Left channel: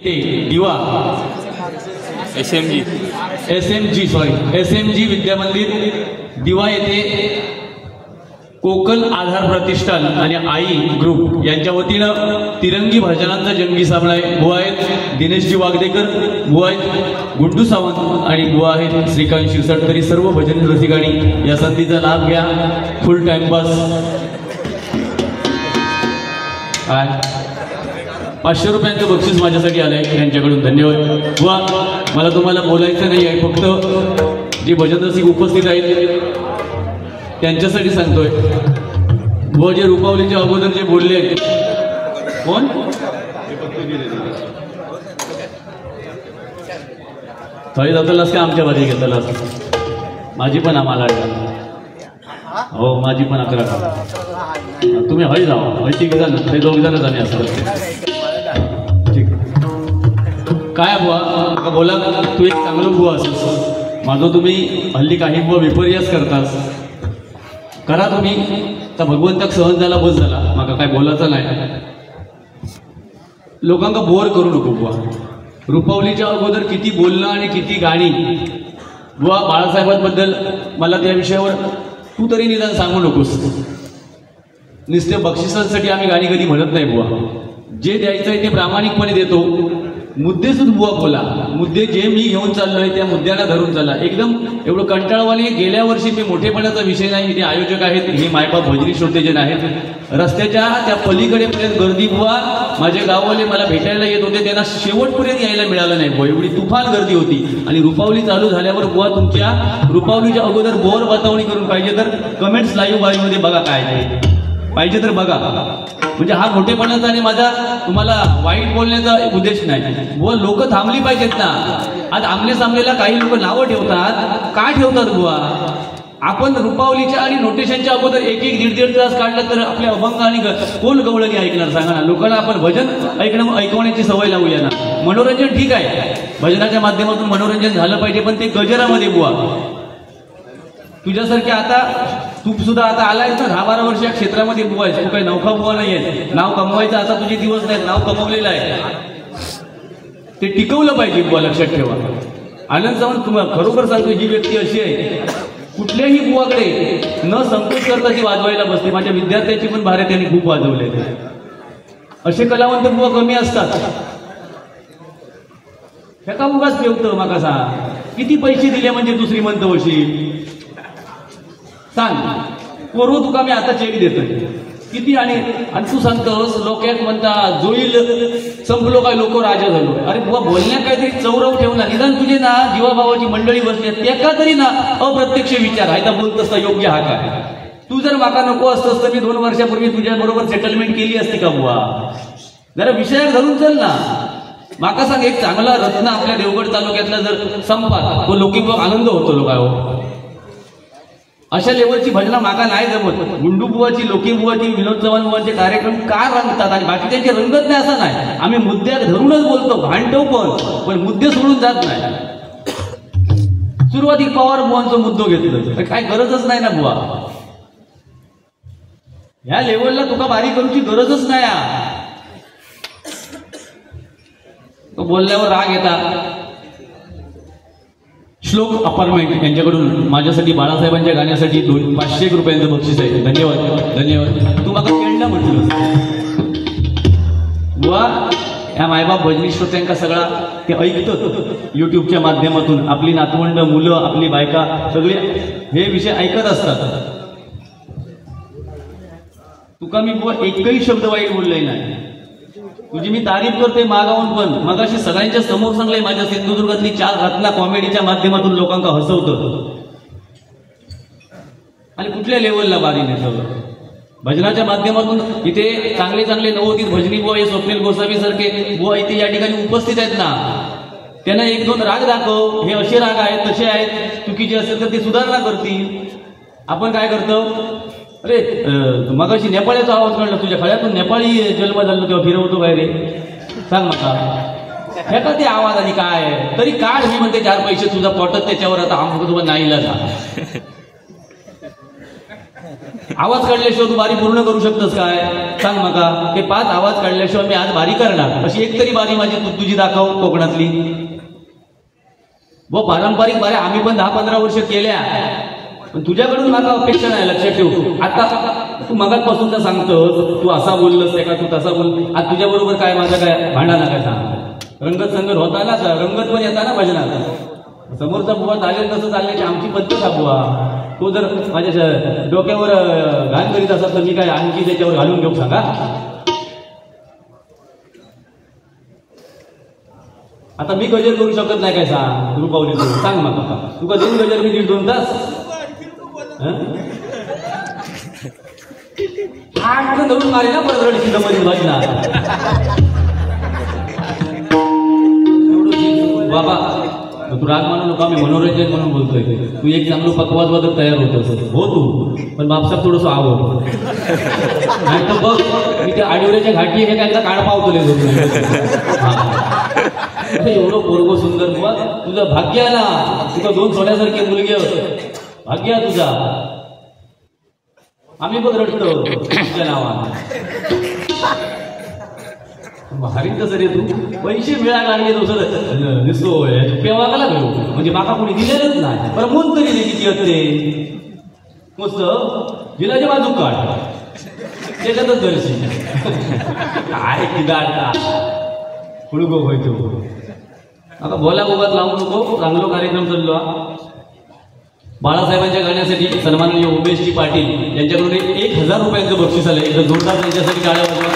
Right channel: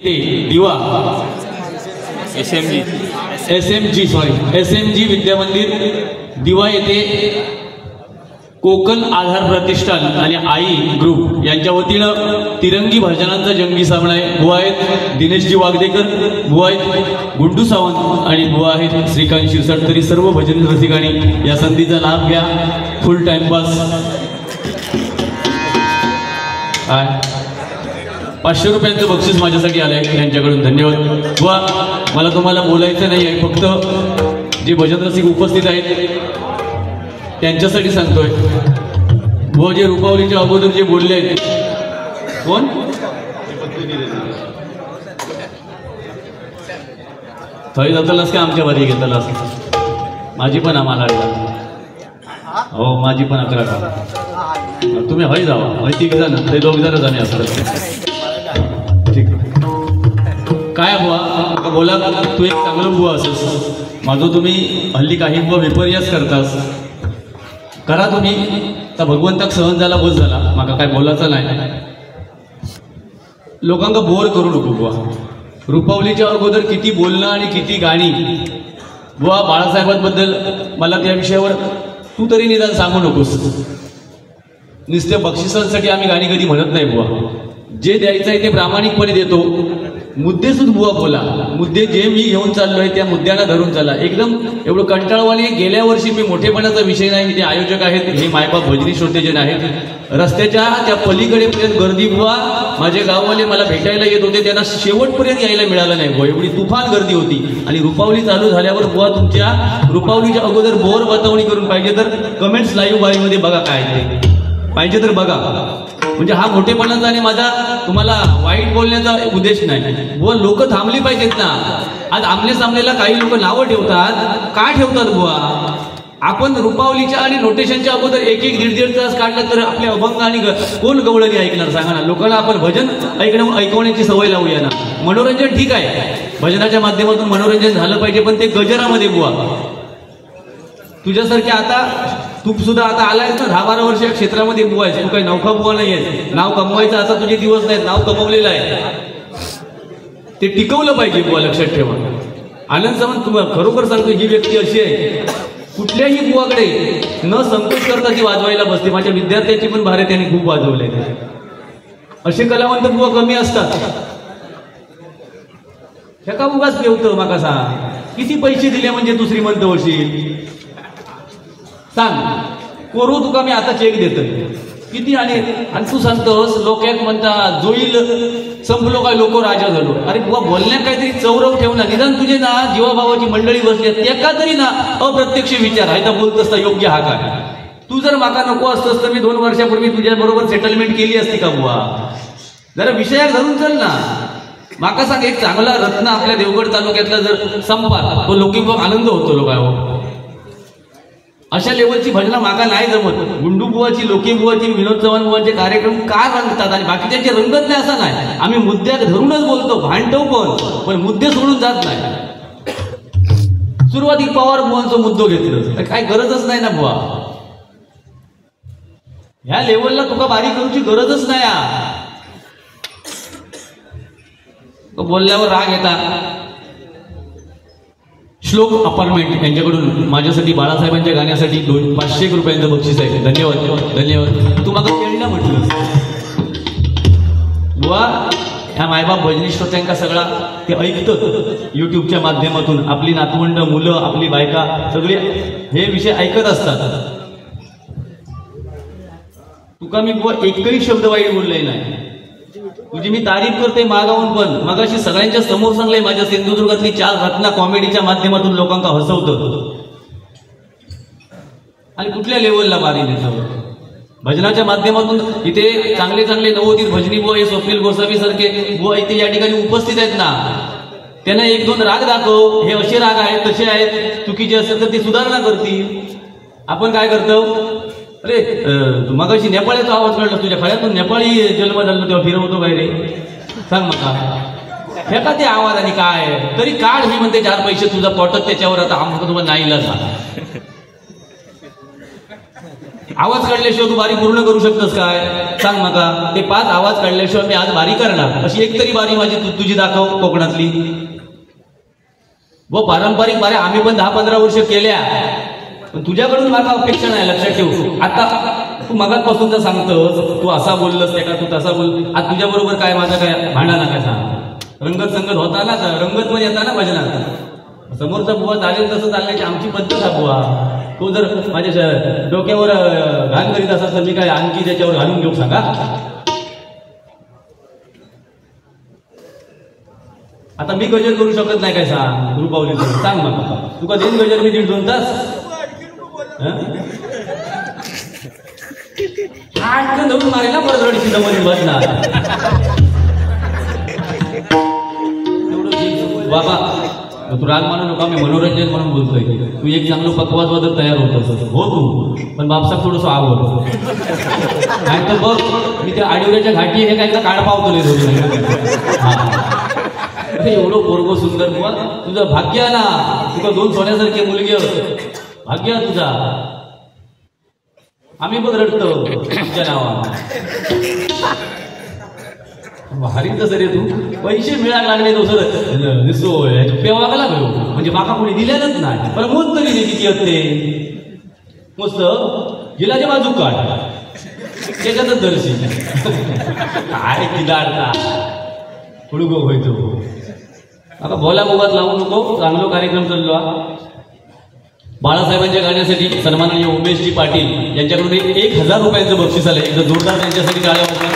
दिवा एसएमजी विद्या मंदिर दिवा येथे कोकण आधार प्रतिष्ठान आणि आई ग्रुप यांच्या वतीनं तिरंगी भजनांचा जंगी सामना आहे। बुवा आहेत दिनेशजी वागदेकर, बुवा आहेत गुड्डू सावंत आणि बुवा आहेत श्रीकांत शिरसाट। तरी सर्व भजन रसिकांनी या संधीचा लाभ घ्या। फुल टाइमपास 500 रुपयांचं बक्षीस माझ्यासाठी आलंय, त्यांच्याकडून धन्यवाद। बुवा मला तुम्हाला बोलायचं नाही आहे, फक्त जे भजन रसिक उपस्थित आहेत त्यांच्यासाठी सांगतोय। बुवा जे रुपावलीच्या अगोदर जे बोलले आहेत, कोण थळी जातलास का आमच्या बरी घेतलास? माझी पण आम्हाला हो माझी पण 11 तुम्ही हय जावा हय 3 जण ते 2 जण जाणे असं काय बुवा बोला तू एक चांगलं बुवा असस माझं तुम्ही हल्ली काही बुवा विपर्यास करतास करा तुम्ही तर भगवंताक सहन झाला बस झाला माका काय बोलायचं नाही। लोकांना बोर करू नको बुवा। रुपावलीच्या अगोदर किती बोलणं आणि किती गाणी बुवा बाळासाहेबांबद्दल मला त्या विषयावर तू तरी निदान सांगू नकोस। नुसत्या बक्षिसांसाठी आम्ही गाणी कधी म्हणत नाही बुवा। जे द्यायचं आहे ते प्रामाणिकपणे देतो। मुद्दे सुद्धा बुवा बोला, मुद्दे जे मी घेऊन चाललोय त्या मुद्द्यांना धरून चाला। एकदम एवढं कंटाळवाणी गेल्या वर्षी मी मोठेपणाचा विषय नाही, ते आयोजक आहेत हे मायबाप भजनी श्रोते जे आहेत रस्त्याच्या त्या पलीकडेपर्यंत गर्दी बुवा। माझे गाववाले मला भेटायला येत होते, त्यांना शेवटपर्यंत यायला मिळालं नाही बुवा, एवढी तुफान गर्दी होती। आणि रुपावली चालू झाल्यावर बुवा तुमच्या रुपावलीच्या अगोदर बोर बतावणी करून पाहिजे तर कमेंट्स लाईव्ह बाईमध्ये बघा काय पाहिजे तर बघा। म्हणजे हा मोठेपणाचा आणि माझा तुम्हाला वाईट बोलण्याचा उद्देश नाही। व लोक थांबली पाहिजेत ना। आज आमने सामनेला काही लोक नावं ठेवतात, का ठेवतात बुवा? आपण रुपावलीच्या आणि नोटेशनच्या अगोदर 1-1, 1.5 तास काढलं तर आपले अभंग आणि कोण गवळणी ऐकणार सांगा ना? लोकांना आपण भजन ऐकवण्याची सवय लावूया ना। मनोरंजन ठीक आहे, भजनाच्या माध्यमातून मनोरंजन झालं पाहिजे, पण ते गजरामध्ये बुवा तुझ्यासारखे आता तू सुद्धा आता आलाय ना 10-12 वर्ष या क्षेत्रामध्ये बुवा आहेस, तू काही नौका बुवा नाही आहे। नाव कमवायचं आता तुझे दिवस नाहीत, नाव कमवलेलं आहे ते टिकवलं पाहिजे बुवा, लक्षात ठेवा। आनंद सावंत तुम्हाला खरोखर सांगतो ही व्यक्ती अशी आहे कुठल्याही बुवाकडे न संकोच करता ती वाजवायला बसते। माझ्या विद्यार्थ्यांची पण भारे त्यांनी खूप वाजवले। असे कलावंत बुवा कमी असतात। ह्या उगाच पेवतं माका सांग किती पैसे दिले म्हणजे दुसरी म्हणत होशील सांग? करू तुका मी आता चेक देतोय किती आणि तू सांगतोस लोक एक म्हणता जोईल संपलो काय लोक राजा झालो। अरे बुवा बोलण्यात काहीतरी चौरव ठेव ना, निदान तुझे ना जीवाभावाची मंडळी बसली त्या तरी ना अप्रत्यक्ष विचार आहे तर बोलत असता योग्य हा काय? तू जर माका नको असतस तर मी 2 वर्षापूर्वी तुझ्या बरोबर सेटलमेंट केली असती का बुवा? जरा विषयात धरून चल ना। माका सांग एक चांगला रत्न आपल्या देवगड तालुक्यातला जर संपा तो लोकी आनंद होतो लोकांवर। अशा लेवलची भजना माका नाही जमत। गुंडू बुवाची, लोकी बुवाची, विनोद चव्हाण बुवांचे कार्यक्रम का रंगतात आणि बाकीच्यांचे रंगत नाही असं नाही। आम्ही मुद्द्या धरूनच बोलतो, भांडतो पण मुद्दे सोडून जात नाही। सुरुवातीला पवार बुवांचा मुद्दो घेतलं काय गरजच नाही ना बुवा। ह्या लेवलला तुका बारीक करूची गरजच नाही। बोलल्यावर राग येतात। श्लोक अपार्टमेंट यांच्याकडून माझ्यासाठी बाळासाहेबांच्या गाण्यासाठी 500 रुपयांचं बक्षीस आहे। धन्यवाद धन्यवाद। तू मला खेळलं म्हटलं बुवा। ह्या मायबाप भजनी श्रोत्यांका सगळा ते ऐकतं युट्यूबच्या माध्यमातून। आपली नातवंड मुलं आपली बायका सगळे हे विषय ऐकत असतात। तुका मी बुवा एकही शब्द वाईट बोलले नाही, तुझी मी तारीफ करते मागावून पण। मगाशी सगळ्यांच्या समोर सांगलंय माझ्या सिंधुदुर्गातली 4 रत्ना कॉमेडीच्या माध्यमातून लोकांना हसवतं आणि कुठल्या लेवलला बारी नेतं भजनाच्या माध्यमातून। इथे चांगले चांगले नवोदित भजनी बुवा हे स्वप्नील गोसावी सारखे बुवा इथे या ठिकाणी उपस्थित आहेत ना, त्यांना 1-2 राग दाखव, हे असे राग आहेत तसे आहेत, चुकीचे असेल तर ते सुधारणा करतील। आपण काय करतो? अरे मगाशी नेपाळीचा आवाज काढला तुझ्या खळ्यातून, नेपाळी जन्म झाला तेव्हा फिरवतो काय रे सांग नका हे का ते आवाज आणि काय तरी काढ। मी म्हणते 4 पैसे तुझा पटत त्याच्यावर आता आम्हाला तुम्हाला नाही आवाज काढल्याशिवाय तू बारी पूर्ण करू शकतस काय? सांग नका. ते 5 आवाज काढल्याशिवाय मी आज बारी करणार. अशी एक तरी बारी माझी तुझी दाखव कोकणातली. व पारंपरिक बाऱ्या आम्ही पण 10-15 वर्ष केल्या, पण तुझ्याकडून मला अपेक्षा नाही. लक्षात ठेवू. आता तू मगापासून तर सांगतोस तू असा बोललस ते का तू तसा बोल. आज तुझ्या बरोबर काय माझं काय भांडा काय सांग. रंगत संगत होता ना, रंगत पण येता ना भजनात. समोरचा बुवा चालेल तसं चालण्याची आमची पद्धत हा बुवा. तो जर माझ्या डोक्यावर घाण करीत असाल तर मी काय आणखी त्याच्यावर घालून घेऊ सांगा. आता मी गजर करू शकत नाही काय सांग. रुपावली सांग मला. तुका देईन गजर मी 1.5-2 तास. धरून मारेल ना परत शिकामध्ये बसणार. बाबा तू राग मानू नका. मी मनोरंजन म्हणून बोलतोय. तू एक चांगलं पकवाजवादक तयार होतोस हो तू, पण बापसा थोडंसं आवड नाही तर बघ मी त्या आडिवऱ्याच्या घाटी हे काय काळ पावतो एवढं पोरगो सुंदर बुवा. तुझं भाग्य ना. तुझा 2 सोन्यासारखे मुलगी भाग्य तुझा. आम्ही पण रडतो तुझ्या नावानं. भारीच कसं रे तू. पैसे मिळायला लागले दुसरं निसो पेवागा लागलो म्हणजे माका कोणी दिलेलंच नाही. पण मोत तरी दे किती असते मस्त जिलाच्या बाजू काढ त्याच्यातच दर्शन काय किदाडता हुडगो होयतो. आता बोला बोबात लावू नको. चांगला कार्यक्रम चाललो. बाळासाहेबांच्या गाण्यासाठी सन्माननीय उमेशजी पाटील यांच्याकडून 1000 रुपयांचं बक्षीस आलं. एकदा जोरदार त्यांच्यासाठी गाणं होतं.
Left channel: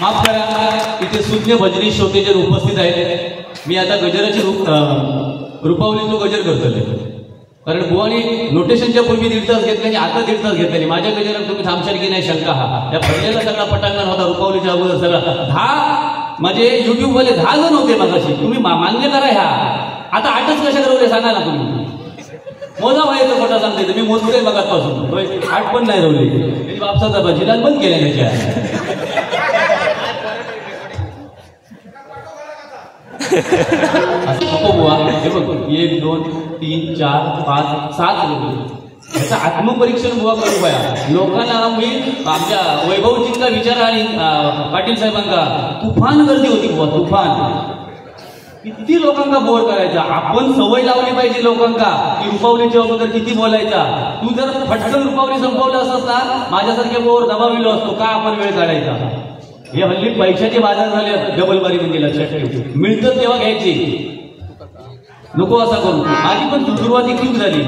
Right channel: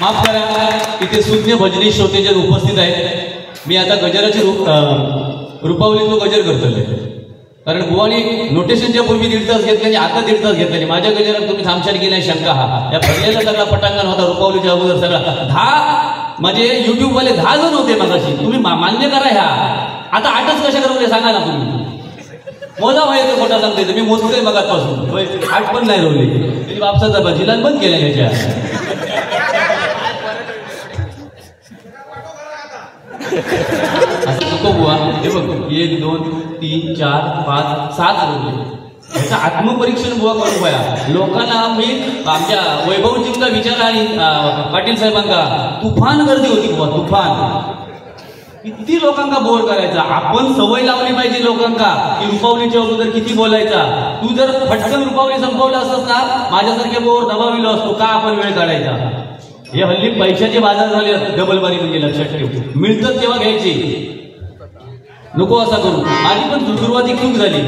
माफ करा इथे सुज्ञ भजनी श्रोते जे उपस्थित आहेत. मी आता गजराची रुपावली तो गजर करतो. कारण बुवानी नोटेशनच्या पूर्वी 1.5 तास घेतले आणि आता 1.5 तास घेतले. माझ्या गजरात तुम्ही थांबशाल की नाही शंका. हा या भजनेला सगळा पटांगण होता रुपावलीच्या अगोदर सगळा. 10 माझे युट्यूबवाले 10 जण होते मागाशी. तुम्ही मान्य करा. ह्या आता 8च कशा करवले सांगा ना तुम्ही. मोजा माहिती मोठा सांगते मी मोजतोय मगापासून 8 पण नाही रवले. त्यांनी बापसाचा जिल्हा बंद केला त्याच्या. नको बुवा. हे बघ 1 2 3 4 5 7 रोवले. याचं आत्मपरीक्षण बुवा करू पाया. लोकांना मी आमच्या वैभवजींचा विचार आणि पाटील साहेबांका तुफान गर्दी होती बुवा. तुफान किती लोकांका बोर करायचा. आपण सवय लावली पाहिजे लोकांका की रुपावलीच्या अगोदर किती बोलायचा. तू जर पटकन रुपावली संपवलं असत ना माझ्यासारखे बोर दबाविलो असतो. का आपण वेळ काढायचा. हे हल्ली पैशाचे बाजार झाले. डबल बारी म्हणजे लक्षात ठेव. मिळतं तेव्हा घ्यायची. नको असा करू. माझी पण सुरुवाती चूक झाली.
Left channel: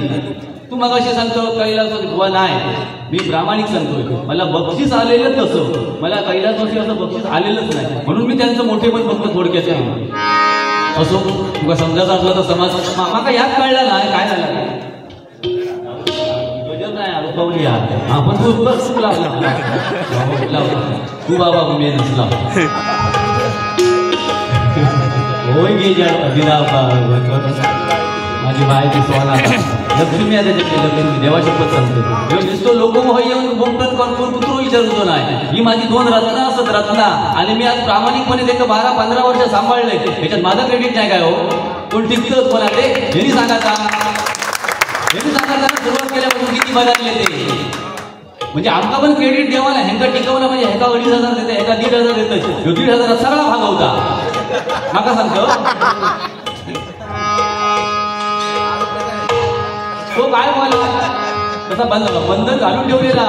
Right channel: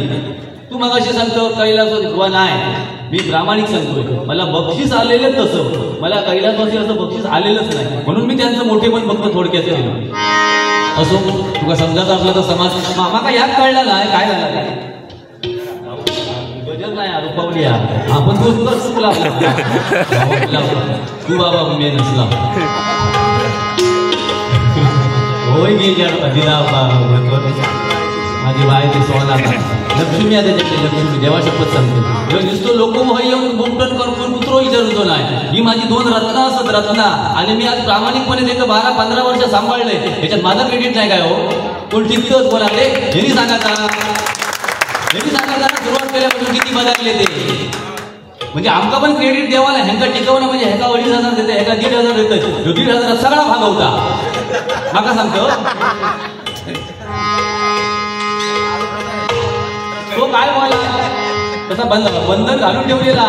तू मग असे सांगतो कैलासवासी बुवा नाही. मी प्रामाणिक सांगतोय. मला बक्षीस आलेलं तसं. मला कैलासवासी असं बक्षीस आलेलंच नाही. म्हणून मी त्यांचं मोठेपण फक्त थोडक्यात केलं. असो तुला समजायचं असलं तर समाज मामा यात कळला नाही काय झालं नाही. गजर नाही रुपावली आपण तू तुला चूक लावला तू बाबा मी नसला होय मी दिला माझी बाय ती सोना लक्ष्मी आहे त्याच्याकडे. लक्ष्मी देवा शपथ सांगतो. दिसतो लोक येऊन बोमटन करून कुत्रो विचारतो नाही. ही माझी 2 रत्न असत रत्ना. आणि मी आज प्रामाणिकपणे ते 12-15 वर्ष सांभाळले. याच्यात माझं क्रेडिट नाही काय हो. कोण टिकतोच कोणाकडे हेही सांगायचा. सुरुवात केल्यापासून किती बदलले ते. म्हणजे आमका पण क्रेडिट देवाला. ह्यांका टिकवणं म्हणजे ह्याका 2,500 देते ह्याका 1,500 देतात. 1,500 सगळा भाग होता. नका सांगतो तो काय बोला तसा बंधन घालून ठेवलेला.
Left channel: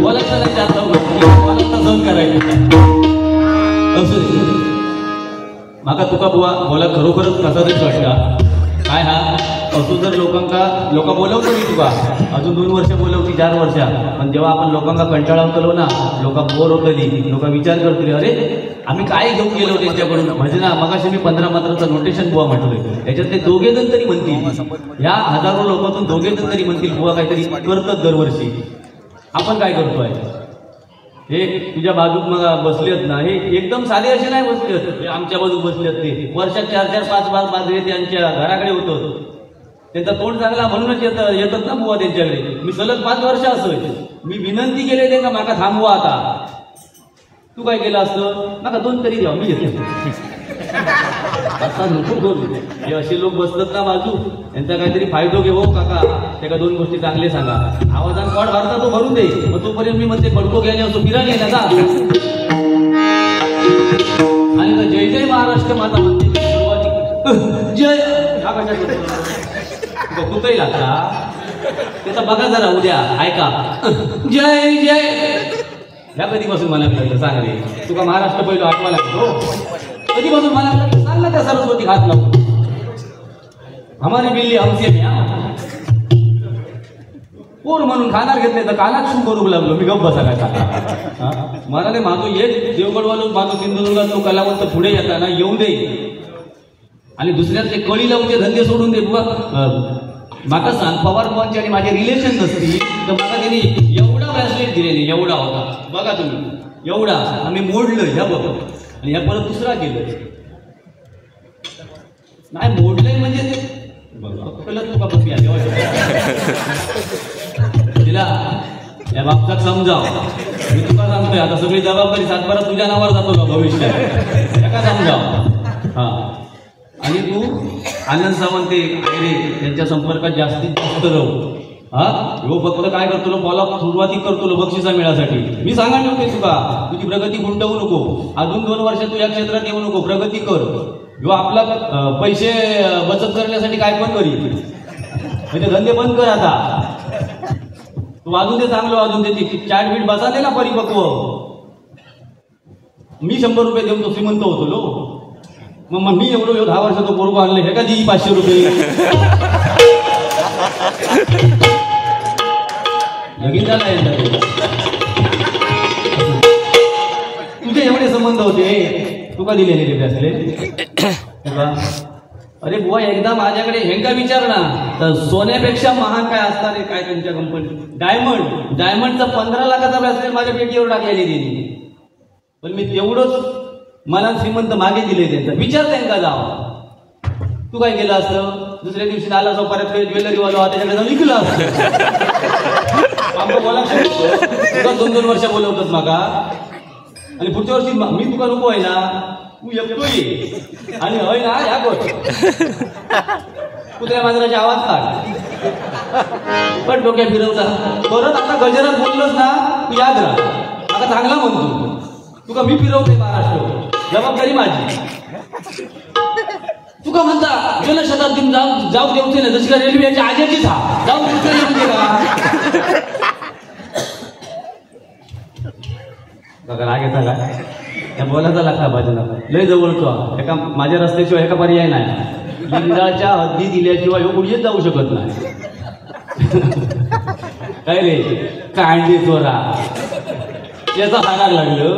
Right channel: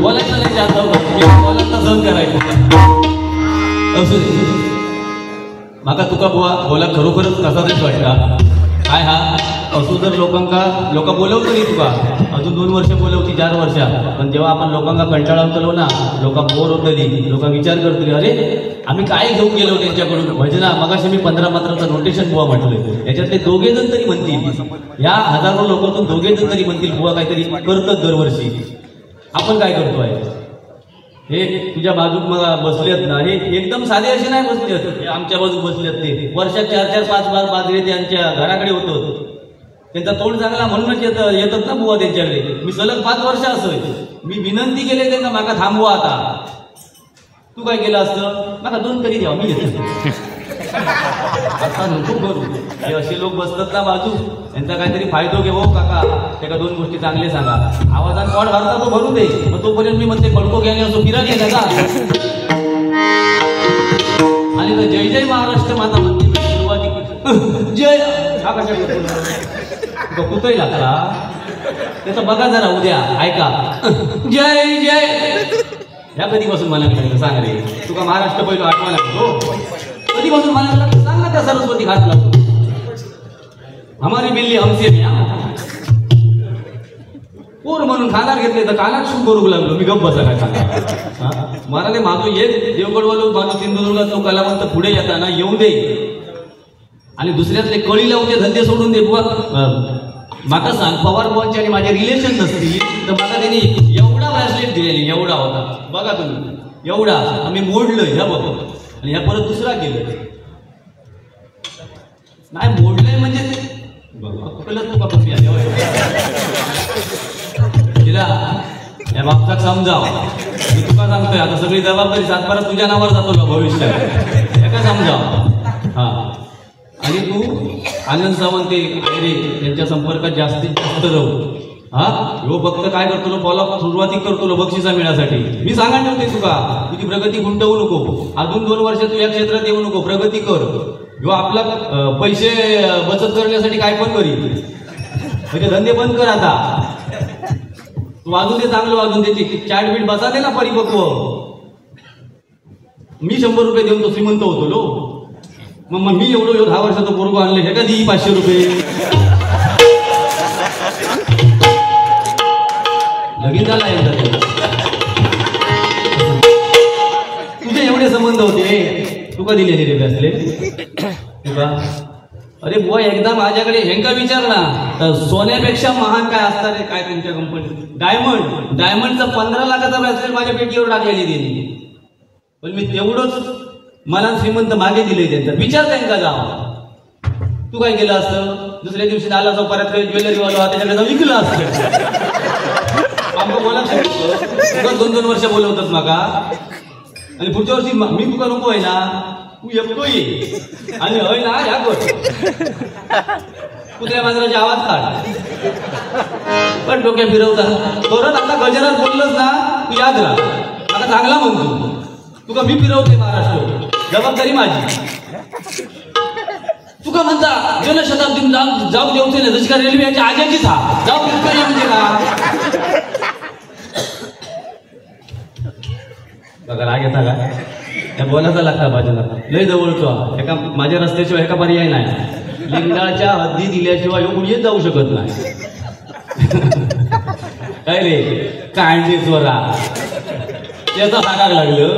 बोलायचं नाही जास्त. बोलायचं सहन करायचं. असू दे. माका तुका बुवा बोला खरोखरच कसा तरी वाटला काय. हा असू जर लोक बोलवतो नाही तुका अजून 2 वर्ष बोलवती 4 वर्ष. पण जेव्हा आपण लोकांना कंटाळावतलो ना लोक बोर होतली. लोक विचार करतली अरे आम्ही काय घेऊन गेलो त्यांच्याकडून भजना. मगाशी मी 15 मात्राचं नोटेशन बुवा म्हटलंय. याच्यातले 2 जण तरी म्हणतील. या हजारो लोकांतून 2 जण तरी म्हणतील बुवा काहीतरी करतात दरवर्षी. आपण काय करतोय. हे तुझ्या बाजूक मग बसलेत ना. हे एकदम साधे असे नाही बसले. आमच्या बाजूक बसलेत ते वर्षात 4-4 5-5 बाजरे त्यांच्या घराकडे होतं. त्यांचा तोंड चांगला म्हणूनच येतात ना बुवा त्यांच्याकडे. मी सलग 5 वर्ष असोय. मी विनंती केली त्यांना माका थांबवा आता. तू काय केलं असतं माका 2 तरी द्यावा मी घेतो. आता नको करू. हे असे लोक बसतात ना बाजू. यांचा काहीतरी फायदा घेऊ काका. त्याला दोन गोष्टी चांगले सांगा. आवाजात वाढ भरता तो भरू दे, मग तोपर्यंत मी म्हणते पडको गेले असो फिरा नाही का. आणि जय जय महाराष्ट्र माता म्हणते जय हा कशा कुठंही लागला त्याचा बघा जरा उद्या ऐका. जय जय ह्या कधीपासून मला लागलं सांग रे. तुका महाराष्ट्र पहिलं आठवा लागतो कधीपासून मला लागलं सांग ना. त्या सरस्वती घात लागतो हमारी बिल्ली हमसे भी पोर म्हणून खाणार घेतले तर कानात शू करू लागलो मी. गप्प बसा काय मला ते माझं एक देवगडवालो माझं सिंधुदुर्गात तो कलावंत पुढे येताना येऊन दे आणि दुसऱ्यातले कळी लावून ते धंदे सोडून दे. बुवा माका सांग पवार बुवांची आणि माझे रिलेशन नसतील तर मला त्यांनी एवढा ब्रेसलेट दिलेली एवढा होता बघा तुम्ही एवढा आम्ही मोडलं ह्या बघतो आणि ह्या परत दुसरा केलं नाही मोडलंय म्हणजे तिला या बाबतीत समजाव. मी तुका सांगतोय आता सगळी जबाबदारी सातबारा तुझ्या नावावर जातो का भविष्यात एका समजाव. हा आणि तू आनंद सावंत यांच्या संपर्कात जास्तीत जास्त जाऊ. हा हो फक्त काय करतो फॉलो सुरुवाती करतो बक्षिसा मिळण्यासाठी. मी सांगा ठेवते तुका तुझी प्रगती गुंतवू नको. अजून 2 वर्ष तू या क्षेत्रात येऊ नको. प्रगती कर. जो आपला पैसे बचत करण्यासाठी काय पण करी म्हणजे धंदे बंद कर आता. तू अजून ते चांगलं अजून ते चाट बीट बसाले ना परिपक्व. मी 100 रुपये देऊन तो श्रीमंत होतो लो. मग मी एवढं 10 वर्षाचं पोरगं आणलं हे का देई 500 रुपये लगीन झाला तुझे एवढे संबंध होते तुका दिलेले रे असले. अरे बुवा एकदा माझ्याकडे हेंका विचार ना तर सोन्यापेक्षा महान काय असतात रे काय त्यांच्या कंपनीत. डायमंडचा 15 लाखाचा ब्रेसलेट माझ्या पेटीवर टाकलेली दिली. पण मी तेवढंच मला श्रीमंत मागे दिले त्यांचा विचार त्यांचा जावा. तू काय केलं असतं दुसऱ्या दिवशी आला असं परत ज्वेलरी वाला त्याच्याकडे जाऊन विकलं असतं. आमचं बोला 2-2 वर्ष बोलवतात मागा आणि पुढच्या वर्षी मी तुका नको आहे ना तू एकटो ये आणि हय ना या गोष्ट कुत्र्या मांजराचे आवाज काढ पण डोक्या फिरवता परत आता गजरात बोललोस ना तू याद राहा. आता चांगला म्हणतो तुका मी फिरवते महाराष्ट्र जबाबदारी माझी. तुका म्हणता जलशताब्दीत जाऊ देऊचे ना जशी का रेल्वेच्या आजाचीच हा जाऊ म्हणजे का बघा राग येता का त्या बोलायचा लागता भाजला लय जवळचा एका माझ्या रस्त्याशिवाय एका पर्याय नाही. लिंगाच्या हद्दी दिल्याशिवाय कुठेच जाऊ शकत नाही. काय रे कांडी चोरा याचा हाडाक लागलं.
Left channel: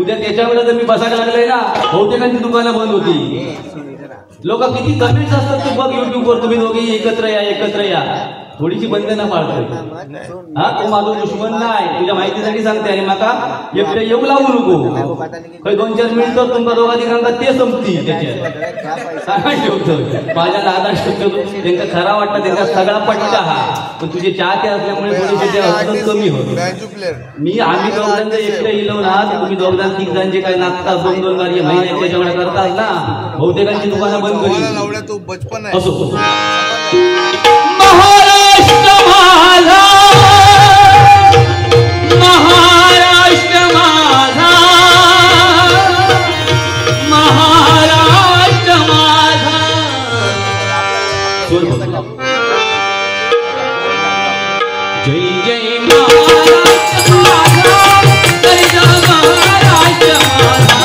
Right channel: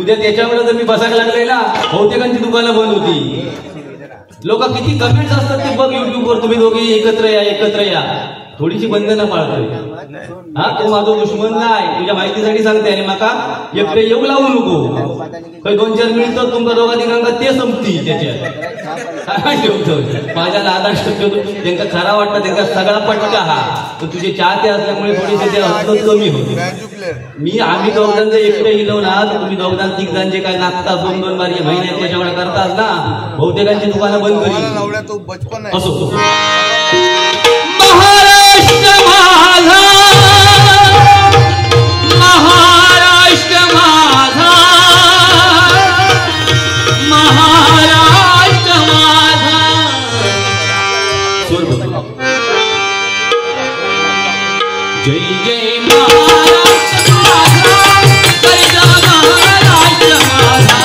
उद्या त्याच्यावर जर मी बसायला लागले ना बहुतेकांची दुकानं बंद होती. लोक किती कमेंट्स असतात ते बघ युट्यूबवर तुम्ही दोघी एकत्र या थोडीशी बंधनं पाळतोय. हा तो माझा दुश्मन नाही तुझ्या माहितीसाठी सांगते आणि माका एकटे येऊ लावू नको. काही 2-4 मिनिटं तुमका दोघांना ते संपती त्याच्यात सांगायला ठेवतोय. माझ्याला आधार शकतो त्यांना खरा वाटतं त्यांना सगळा पटका हा पण तुझे चाहते असल्यामुळे थोडेसे ते असतं कमी होत. आम्ही दोघांचं एकटे हिलव ना तर तुम्ही 2-3 जे काय नाचता 2-2 बारी महिन्याच्या जेवढा करतास ना बहुतेकांची दुकानं बंद करी असो. महाराष्ट्र माझा महाराष्ट्र माझा महाराष्ट्र माझा जय जय महाराष्ट्र माझा महाराष्ट्र माझा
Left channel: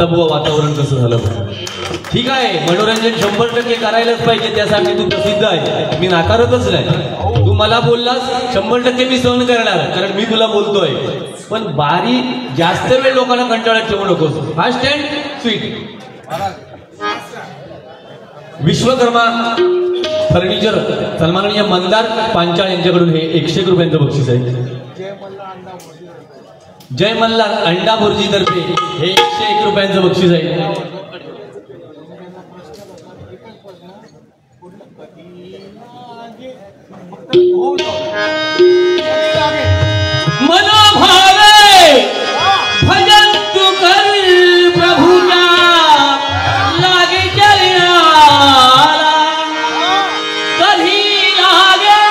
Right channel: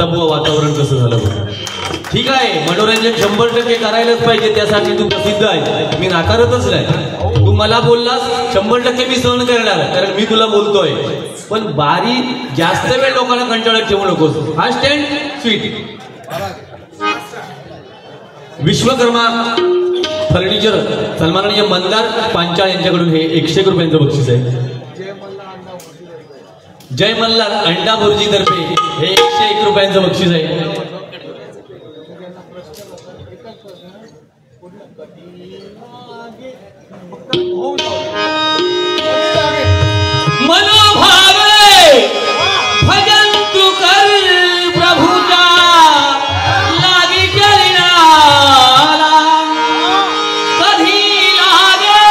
आता बुवा वातावरण कसं झालं. ठीक आहे, मनोरंजन 100% करायलाच पाहिजे, त्यासाठी तू प्रसिद्ध आहे, मी नाकारतच नाही. तू मला बोललास 100% मी सहन करणार, कारण मी तुला बोलतोय. पण बारी जास्त वेळ लोकांना कंटाळत ठेवू नकोस. Fast and sweet. Vishwakarma furniture सन्माननीय मंदार पांचाळ यांच्याकडून हे 101 रुपयांचं बक्षीस आहे. जय मल्हार अंडा भुर्जी तर्फे हे 101 रुपयांचं बक्षीस आहे. मनोभावे भजन तू कर प्रभुजा लागे चलनाला कधी लागे.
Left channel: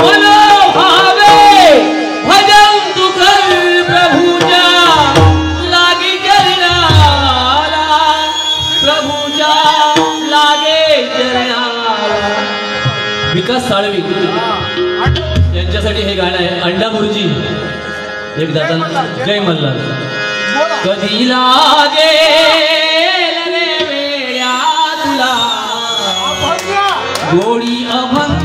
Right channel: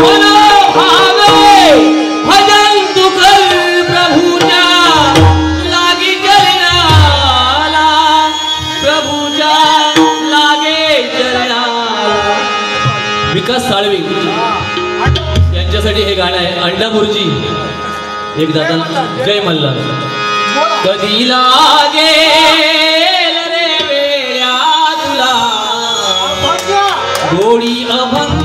मनोभावे भजन तू कर प्रभुजा लागे चलनाला प्रभुजा लागे चलनाला. विकास साळवी यांच्यासाठी हे गाणं आहे. अंडा भुर्जी एक दादा. जय मल्हार. कधी लागे रे वेळा तुला गोडी अभंग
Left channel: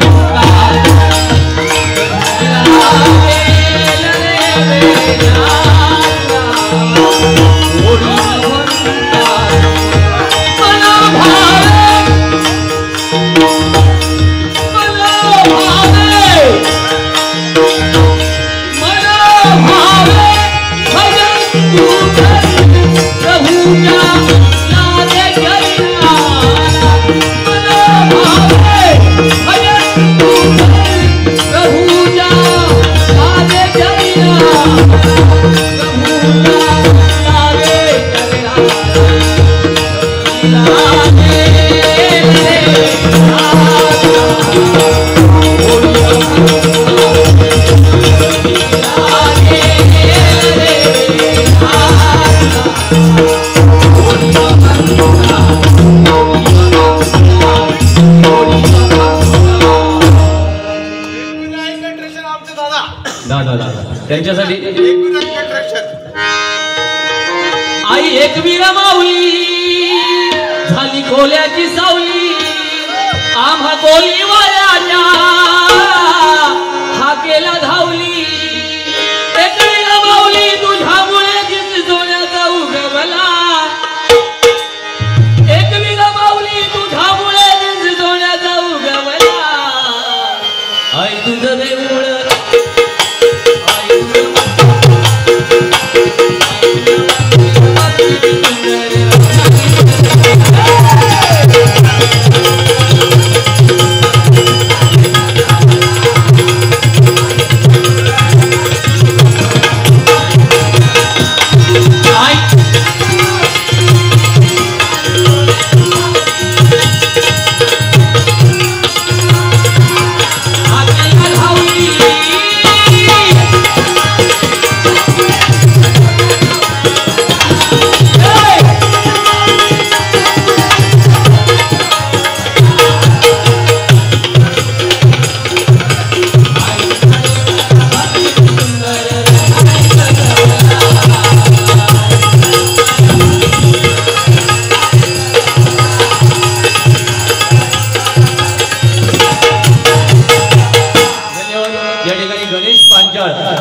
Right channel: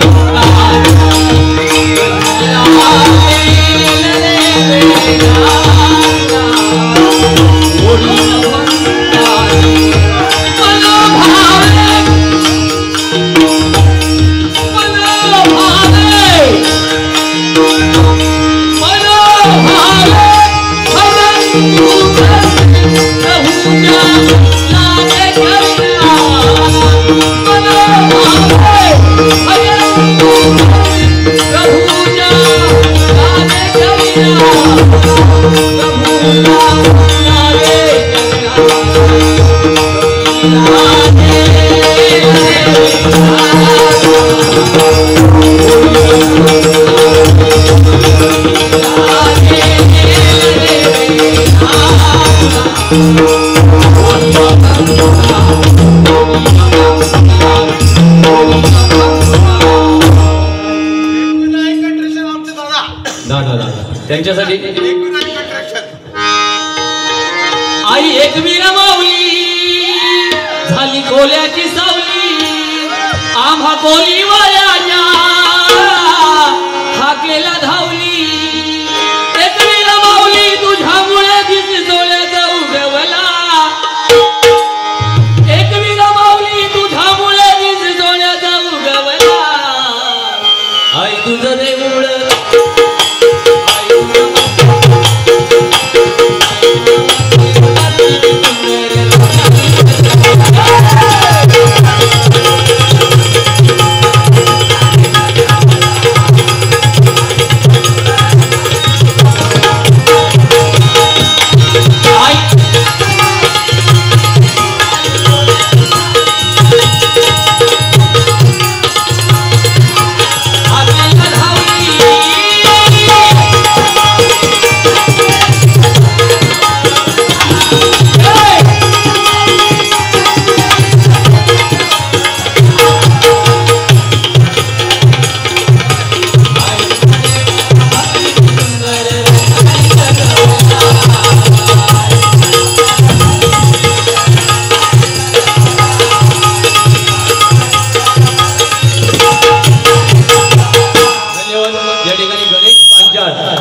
त्यांच्यासाठी. आई एक वीरा माऊली झाली कोल्याची सावली आम्हा कोली वाल्याच्या हाकेला धावली. एक वीरा माऊली तुझ्यामुळे दिस जोड्याचा उगवला. एक वीरा माऊली तुझ्यामुळे दिस जोड्याचा उगवला. आई तुझं देऊळ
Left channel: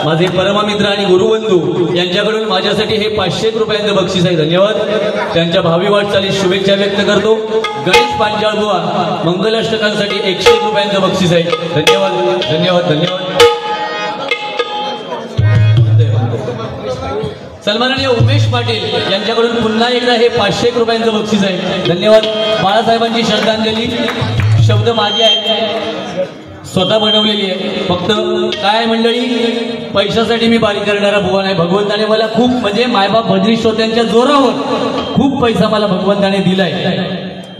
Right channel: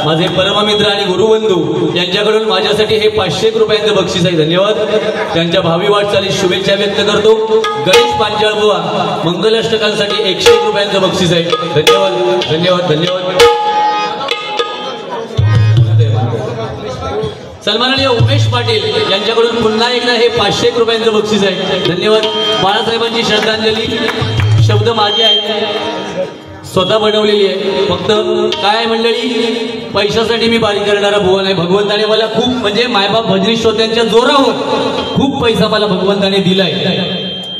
माझे परममित्र आणि गुरुबंधू यांच्याकडून माझ्यासाठी हे 500 रुपयांचं बक्षीस आहे. धन्यवाद. त्यांच्या भावी वाटचालीस शुभेच्छा व्यक्त करतो. गणेश पांचाळ बुवा मंगलाष्टकांसाठी 101 रुपयांचं बक्षीस आहे. धन्यवाद धन्यवाद धन्यवाद. सन्माननीय उमेश पाटील यांच्याकडून पुन्हा एकदा हे 500 रुपयांचं बक्षीस आहे. धन्यवाद. बाळासाहेबांची श्रद्धांजली शब्द माझे आहेत, स्वतः बनवलेली आहे. फक्त काय मंडळी, पैशासाठी मी बारी करणारा बुवा नाही. भगवंताने मला खूप म्हणजे मायबाप भजनी श्रोत्यांच्या जोरावर खूप पैसा मला भगवंताने दिलाय.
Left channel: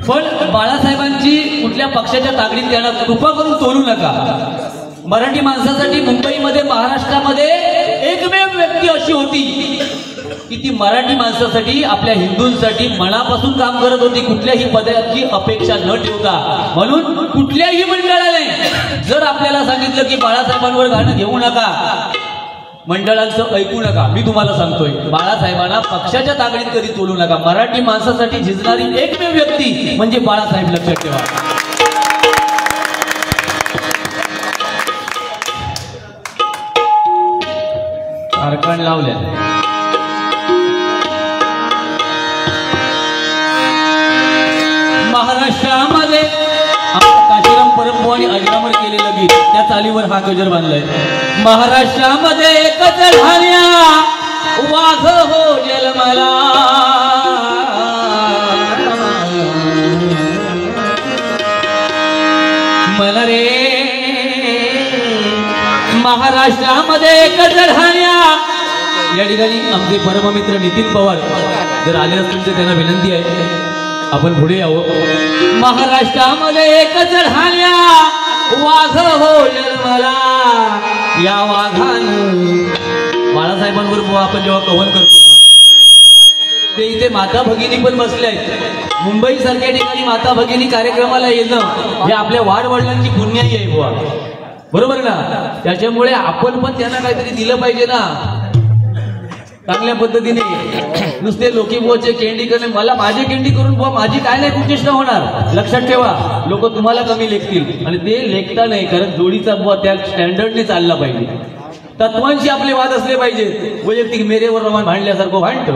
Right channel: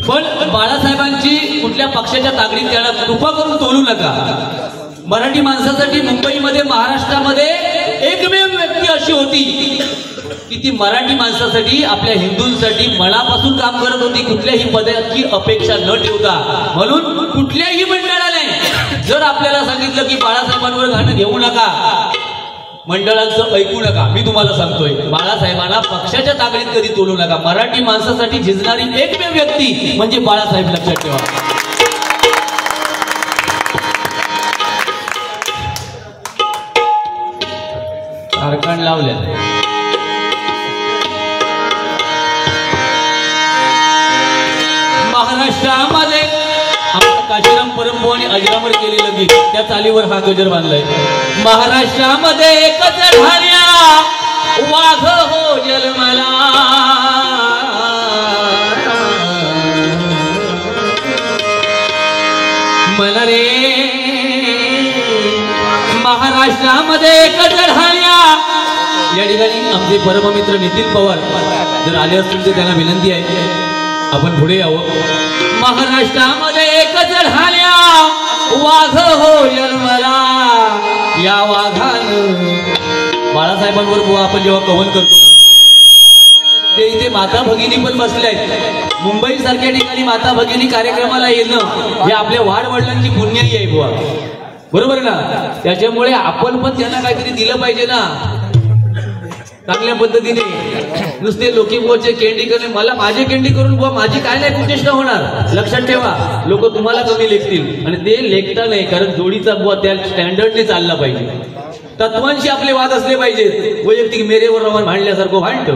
पण बाळासाहेबांची कुठल्या पक्षाच्या ताकदीत त्यांना कृपा करून तोलू नका. मराठी माणसासाठी मुंबईमध्ये महाराष्ट्रामध्ये एकमेव व्यक्ती अशी होती की ती मराठी माणसासाठी आपल्या हिंदूंसाठी मनापासून काम करत होती, कुठल्याही पदाची अपेक्षा न ठेवता. म्हणून कुठल्याही मंडळाने जर आपल्याला सांगितलं की बाळासाहेबांवर गाणं घेऊ नका, मंडळांचं ऐकू नका. मी तुम्हाला सांगतोय, बाळासाहेबांना पक्षाच्या ताकदीत कधी तोलू नका. मराठी माणसासाठी झिजणारी एकमेव व्यक्ती म्हणजे बाळासाहेब, लक्षात ठेवा. कारखान लावल्या महाराष्ट्रामध्ये काशीराम परमभू आणि अजरामर केलेलं गीत, त्या चालीवर हा गजर बांधलाय. महाराष्ट्रामध्ये एकच ढाण्या वाघ हो जन्मला, मन रे महाराष्ट्रामध्ये एकच ढाण्या. या ठिकाणी आमचे परममित्र नितीन पवार जर आले असतील तर त्यांना विनंती आहे आपण पुढे यावं. महाराष्ट्रामध्ये एकच ढाण्या वाघ हो जन्मला, या वाघानं बाळासाहेबांवर आपण जेव्हा कवन करतो ना, ते इथे माता भगिनी पण बसल्या आहेत. मुंबई सारख्या ठिकाणी माता भगिनी कार्यक्रमाला येणं हे आपल्या वाडवडिलांची पुण्याई आहे बुवा, बरोबर ना. त्याच्यामुळे आपण पण त्यांना काहीतरी दिलं पाहिजे ना चांगल्या पद्धतीने. नुसते लोकी बुवाचे केंडी करणे, मला माझे केंडी करून बुवा माझी काय नाही कुचेष्टा होणार. लक्षात ठेवा, लोक तुम्हाला कमी लेखतील आणि ते लेखता नाही, कारण जोडीचा बुवा त्या स्टँडर्डने चालला पाहिजे. तत्वांशी आपले वाद असले पाहिजेत. वैयक्तिक मेरेवर रमान भांडल्यासारखं भांडतो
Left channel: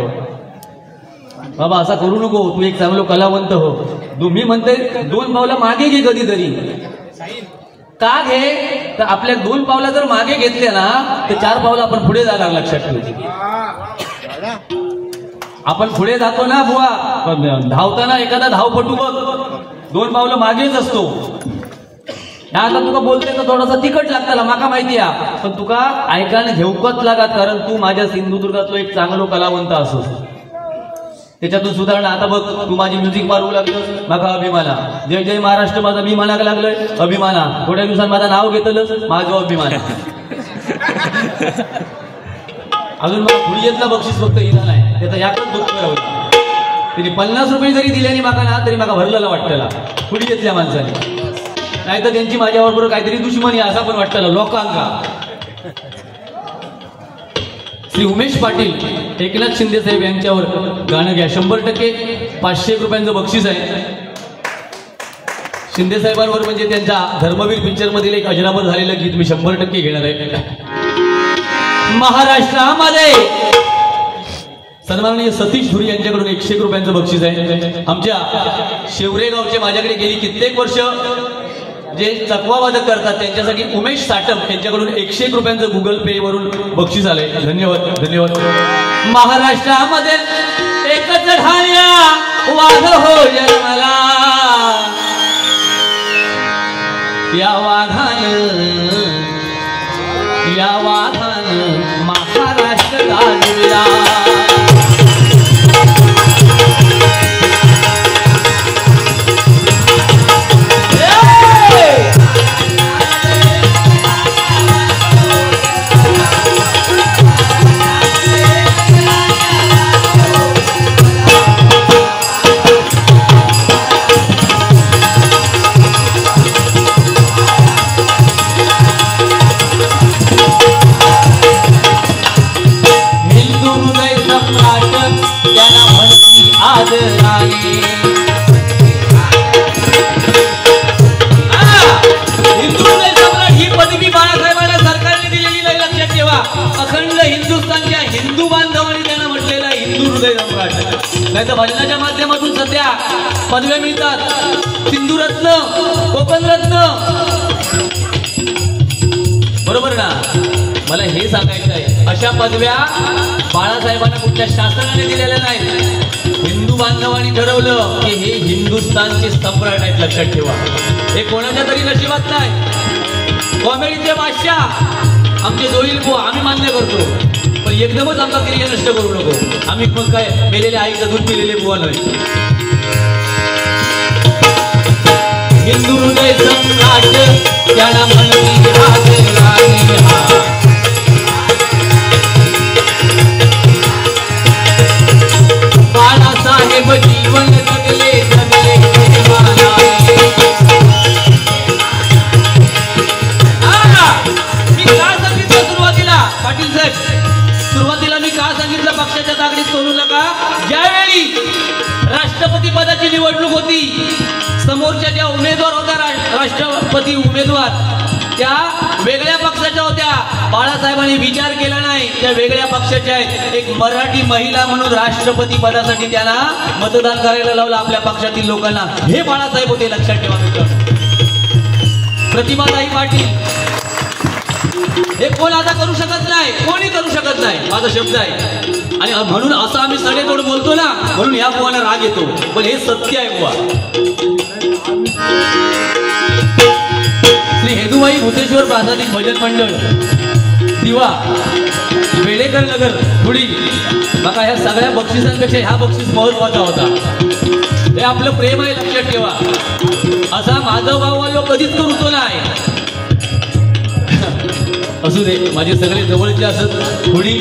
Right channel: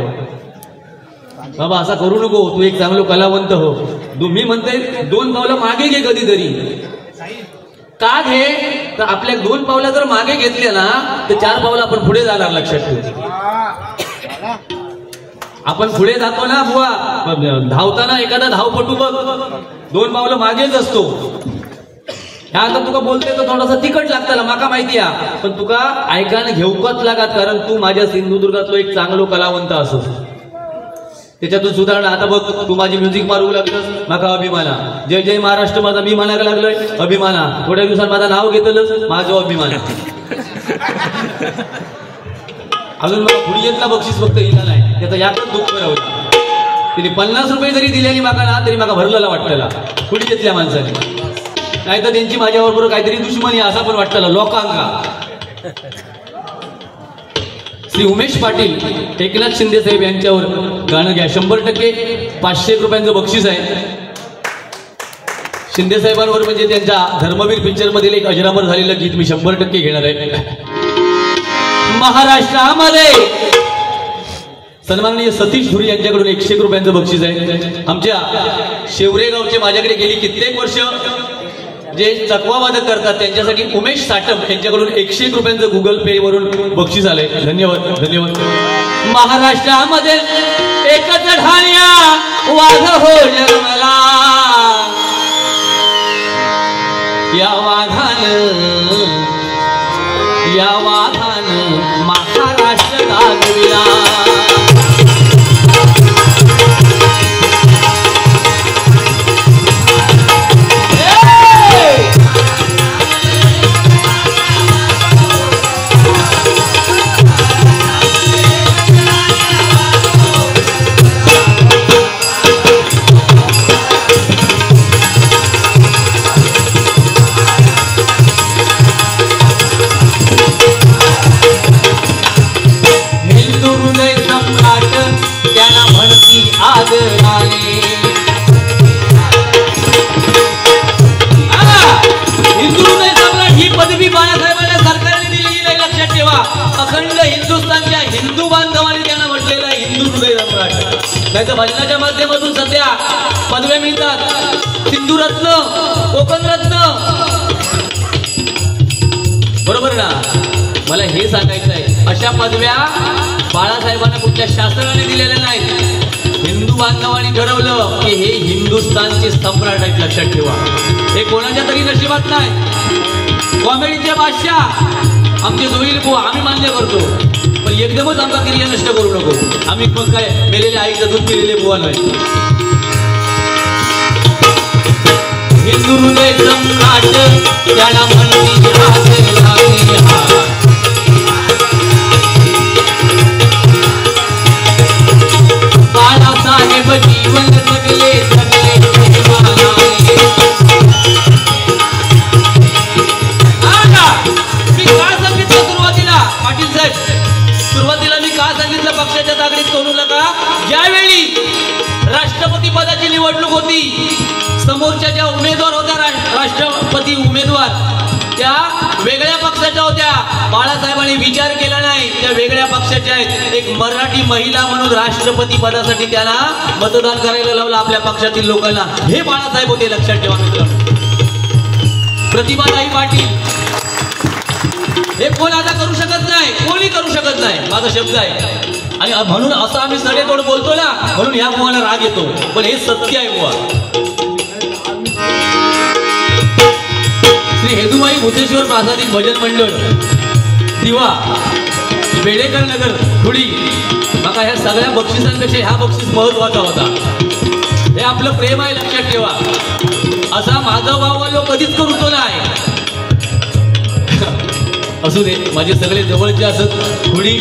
बाबा, असा करू नको. तू एक चांगलं कलावंत हो. तुम्ही म्हणते 2 पावलं मागे घे कधीतरी. का घे तर आपल्या 2 पावलं जर मागे घेतले ना तर 4 पावलं आपण पुढे जाणार. लक्षात ठेवा, आपण पुढे जातो ना बुवा. धावताना एखादा धावपटू बघ 2 पावलं मागेच असतो. आता तुका बोलते तर थोडासा तिखट लागतं, माका माहिती आहे, पण तुका ऐकायला घेऊकच लागत, कारण तू माझ्या सिंधुदुर्गातलो एक चांगलो कलावंत असो. त्याच्यातून सुधारणा. आता बघ, तू माझी म्युझिक मारू लागतोस, माका अभिमाना. जय जय महाराष्ट्र माझा मी म्हणायला लागलोय, अभिमाना. थोड्या दिवसात माझं नाव घेतलं, माझं अभिमान. अजून मला पुढे येत ना बक्षीस फक्त इथं नाही, त्याचं याकडे दुःख करावं. तिने 50 रुपये जरी दिले आणि माका ना तरी माका भरलेला वाटलेला पुढे येतल्या माणसाने. नाही तर त्यांची माझ्याबरोबर काहीतरी दुश्मनी असा पण वाटतं लोकांना. श्री उमेश पाटील, एकनाथ शिंदे साहेब यांच्यावर गाणं घ्या. 100% 500 रुपयांचं बक्षीस आहे. शिंदे साहेबांवर म्हणजे त्यांच्या धर्मवीर पिक्चर मधील एक अजरामर झालेलं गीत मी 100% घेणार आहे. महाराष्ट्रामध्ये सन्माननीय सतीश धुरी यांच्याकडून 100 रुपयांचं बक्षीस आहे. आमच्या शेवरे गावचे माझ्याकडे गेली कित्येक वर्ष जे चकवावादक करतात त्यांच्यासाठी उमेश साटम यांच्याकडून 101 रुपयांचं गुगल पे वरून बक्षीस आलंय. धन्यवाद धन्यवाद. महाराष्ट्रामध्ये एकच ढाण्या वाघ हो जन्मला, या वाघानं महाराष्ट्र गाजविला. ही पदवी बाळासाहेबांना सरकारने दिलेली नाही. लक्षात ठेवा, अखंड हिंदुस्थानच्या हिंदू बांधवांनी त्यांना म्हटलेलं आहे हिंदू हृदय सम्राट. नाही तर भजनाच्या माध्यमातून सध्या पदव्या मिळतात, सिंधुरत्न, कोकणरत्न, बरोबर ना. मला हे सांगायचं आहे, अशा पदव्या बाळासाहेबांना कुठल्या शासनाने दिलेल्या नाहीत. हिंदू बांधवांनी ठरवलं की हे हिंदुस्थानचे सम्राट आहेत. लक्षात ठेवा, हे कोणाच्या तरी नशिबात नाही. कॉमेडीचे बादशाह आमचे जोईल को आम्ही मान्य करतो, पण एकदमच आमचा करिअर नष्ट करू नको. आम्ही मग काय मेलेल्या आईचं दूध पिलेले बुवा नाही. हिंदू हृदय सम्राट त्याला म्हणती बाळासाहेब जीवन जगले सुरुवातीला पाटील साहेब सांगितलं पक्षाच्या ताकदीत सोडू नका. ज्यावेळी राष्ट्रपती पदाची निवडणूक होती, समोरच्या ज्या उमेदवार होत्या राष्ट्रपती उमेदवार त्या वेगळ्या पक्षाच्या होत्या. बाळासाहेबांनी विचार केला नाही, त्या वेगळ्या पक्षाच्या आहेत. एक मराठी महिला म्हणून राष्ट्रपती पदासाठी त्यांना मतदान करायला लावलं आपल्या पक्षातील लोकांना. हे बाळासाहेब होते, लक्षात ठेवा मित्रांनो. प्रतिभाताई पाटील हे कोण आता करू शकत नाही, कोणी करू शकत नाही, माझा शब्द आहे. आणि म्हणून असं आम्ही सडेतोड बोलतो ना, म्हणून या बुवाला राग येतो, पण हे सत्य आहे बुवा. श्री हेदुबाई भूतेश्वर प्रासादिक भजन मंडळ दिवा बेडेकर नगर धुळी. बघा ह्या सगळ्या बक्षिसांपेक्षा ह्या बक्षीस महत्वाचा होता. हे आपलं प्रेम आहे, लक्षात ठेवा. असा माझा भाव आलो कधीच करूतो नाही. असू दे, माझे सगळे जवळचे असत. थोडी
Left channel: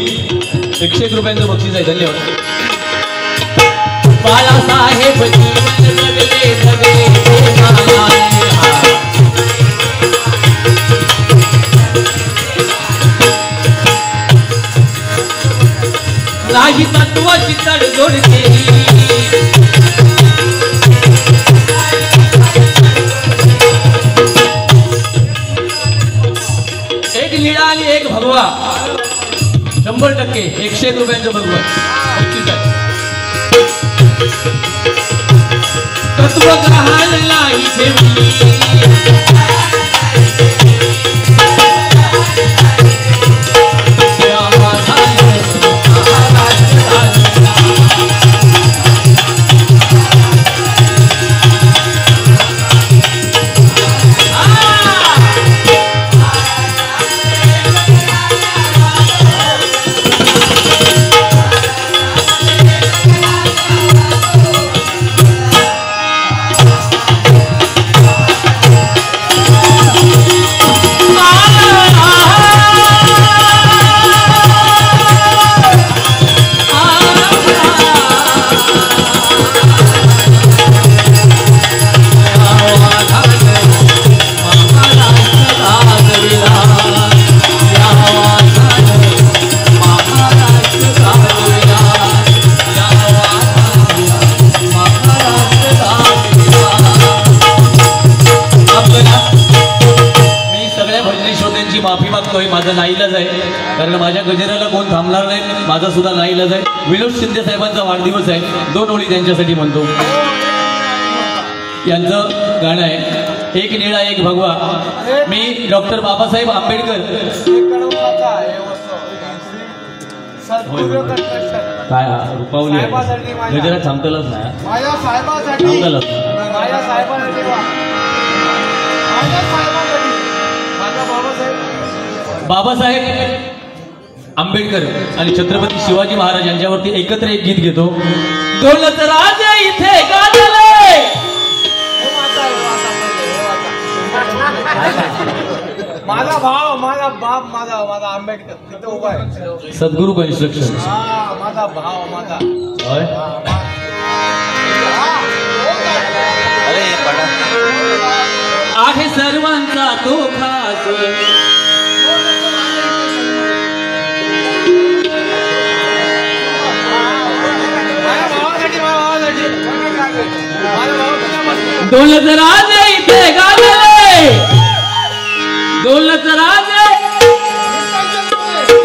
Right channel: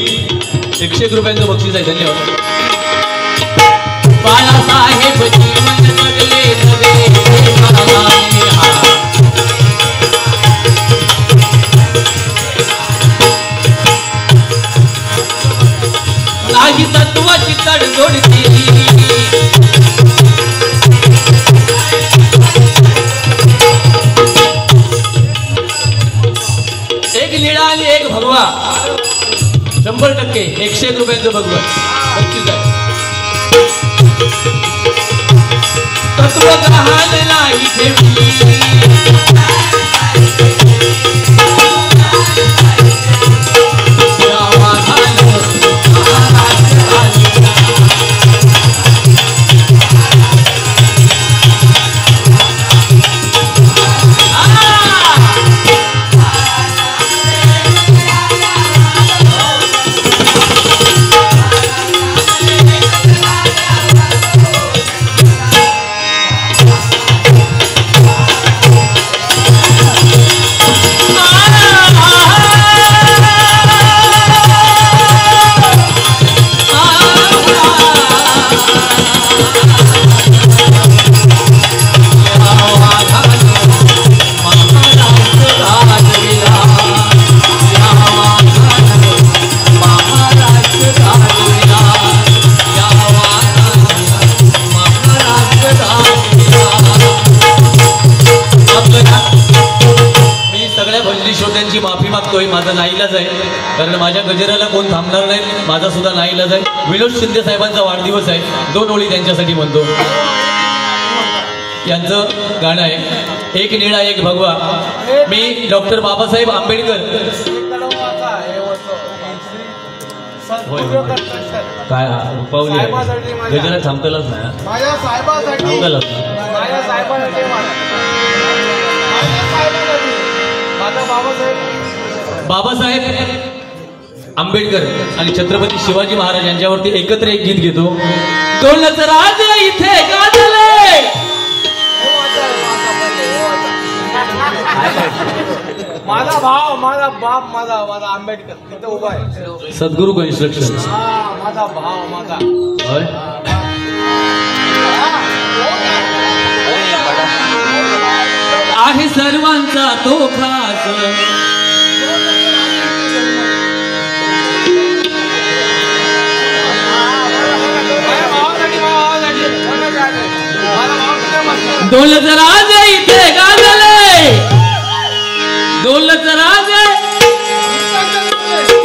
101 रुपयांचं बक्षीस आहे. धन्यवाद. बाळासाहेब जीवन जगले जगे नाही तत्वाची तडजोड केली. एक लीडा आणि एक भगवा 100%. 101 रुपयांचं भगवा बक्षीस आहे. तत्व ग्रहण नाही ठेवली. माझा नाईलाज आहे, कारण माझ्या गजराला कोण थांबणार नाही. माझा सुद्धा नाईलाज आहे. विनोद शिंदे साहेबांचा वाढदिवस आहे. 2 ओळी त्यांच्यासाठी म्हणतो. यांचं गाणं आहे एक निळा एक भगवा. मी डॉक्टर बाबासाहेब आंबेडकर काय पावली गजरा थांबतलच ना माझ्या साहेबांसाठी बाबासाहेब आंबेडकर आणि छत्रपती शिवाजी महाराज यांच्यावरती एकत्र एक गीत घेतो. दौलत राजे इथे गाजले. माझा भाव, माझा बाप, माझा आंबेडकर तिथे उभा आहे. सद्गुरू कन्स्ट्रक्शन. माझा भाव, माझा आहे सर्वांचा तो खास. दौलत राजे इथे गाजले. दौलत राजे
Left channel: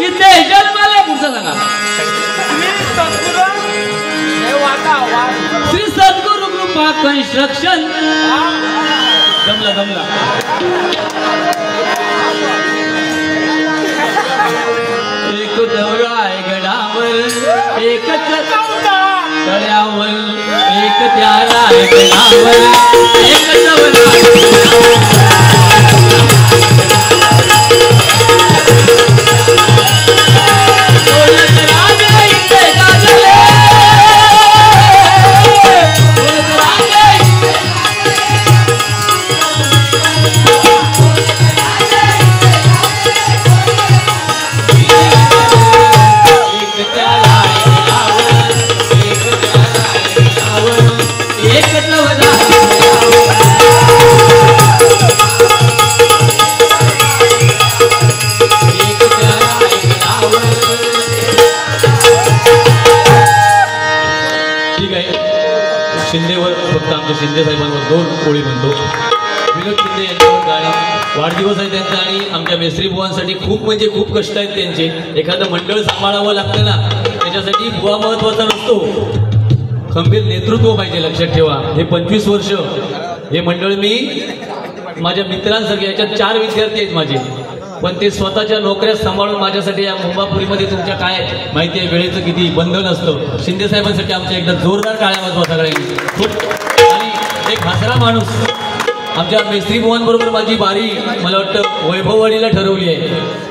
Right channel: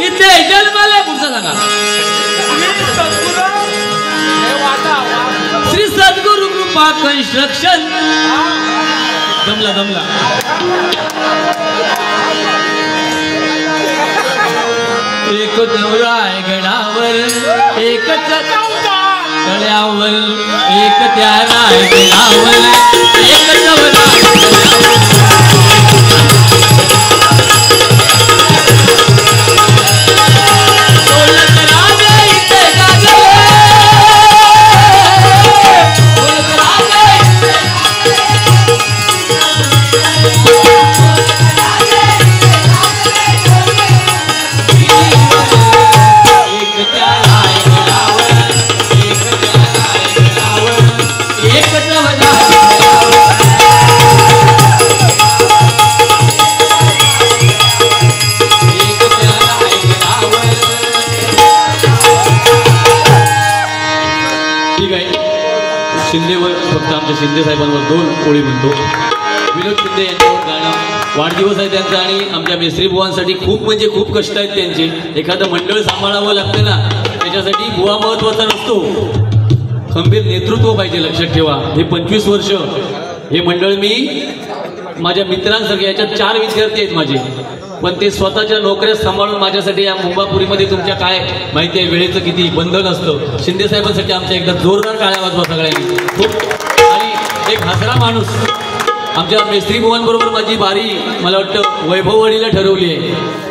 इथे जन्मले. पुढचा सांगा. श्री सद्गुरू कृपा कन्स्ट्रक्शन. दमला एक दौराय गडावर एक तळ्यावर एक त्या रायगडावर एक आमच्या शिंदे साहेबांवर 2 ओळी म्हणतो. विनोद शिंदे यांच्यावर गाणी, वाढदिवस आहे त्यांचा आणि आमच्या मेस्त्री बुवांसाठी खूप म्हणजे खूप कष्ट आहेत त्यांचे. एखादं मंडळ सांभाळावं लागतं ना, त्याच्यासाठी बुवा महत्वाचा नसतो, खंबीर नेतृत्व पाहिजे. लक्षात ठेवा, हे 25 वर्ष हे मंडळ मी माझ्या मित्रांसारखे, याच्यात 4 विद्यार्थी आहेत माझे, पण ते स्वतःच्या नोकऱ्या सांभाळून माझ्यासाठी या मुंबापुरीमध्ये तुमच्या काय माहिती आहे वेळेचं किती बंधन असतं. शिंदे साहेबांसाठी आमच्या एकदा जोरदार टाळ्या वाजवा सगळ्यांनी. खूप आणि एक हसरा माणूस आमच्या मेस्त्री बुवांबरोबर माझी बारी मला वाटतं वैभववाडीला ठरवली आहे.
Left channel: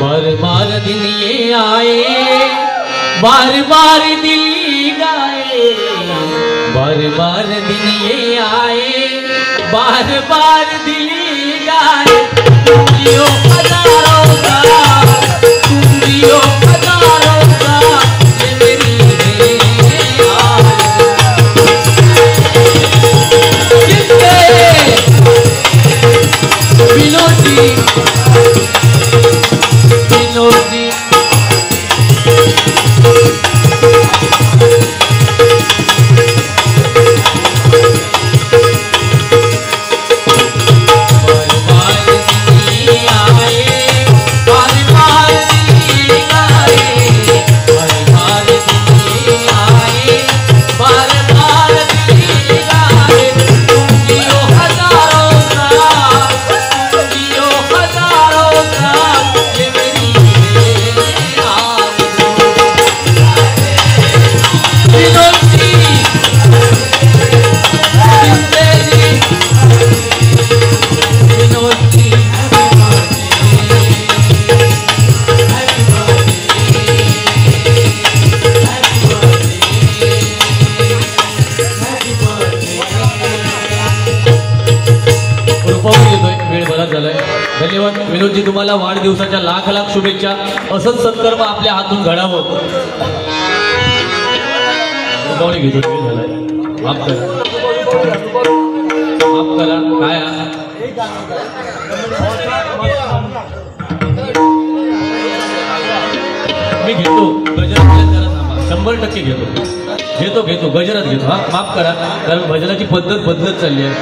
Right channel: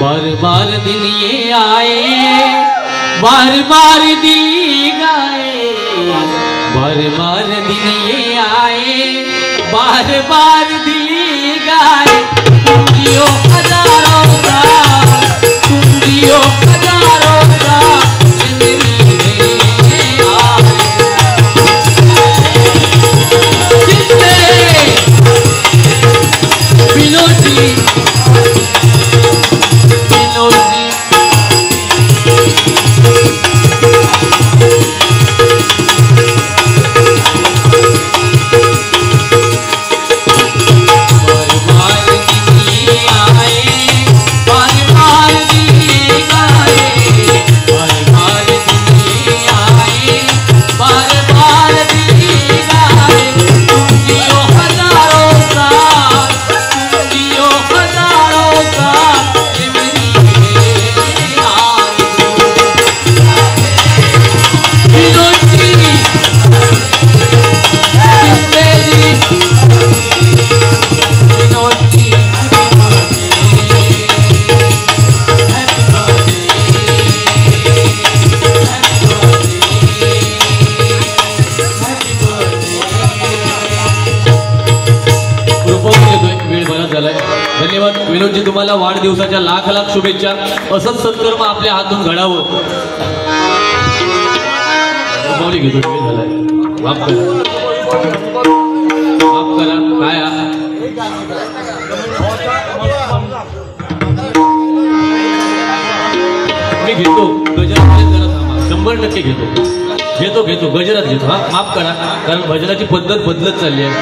बार बार दिल ये आए, बार बार दिल गाए, बार बार दिल ये आए, बार बार दिल गाए. तुम जियो हजारों का, तुम जियो हजारों का, ये मेरी विनोद जी, विनोद जी धन्यवाद. विनोदजी तुम्हाला वाढदिवसाच्या लाख लाख शुभेच्छा. असंच सत्कर्म आपल्या हातून घडावं. घेतो माफ करा काय मी घेतो गजरात 100% घेतो गजरात घेतो. हा माफ करा, कारण भजनाची पद्धत बदलत चालली आहे.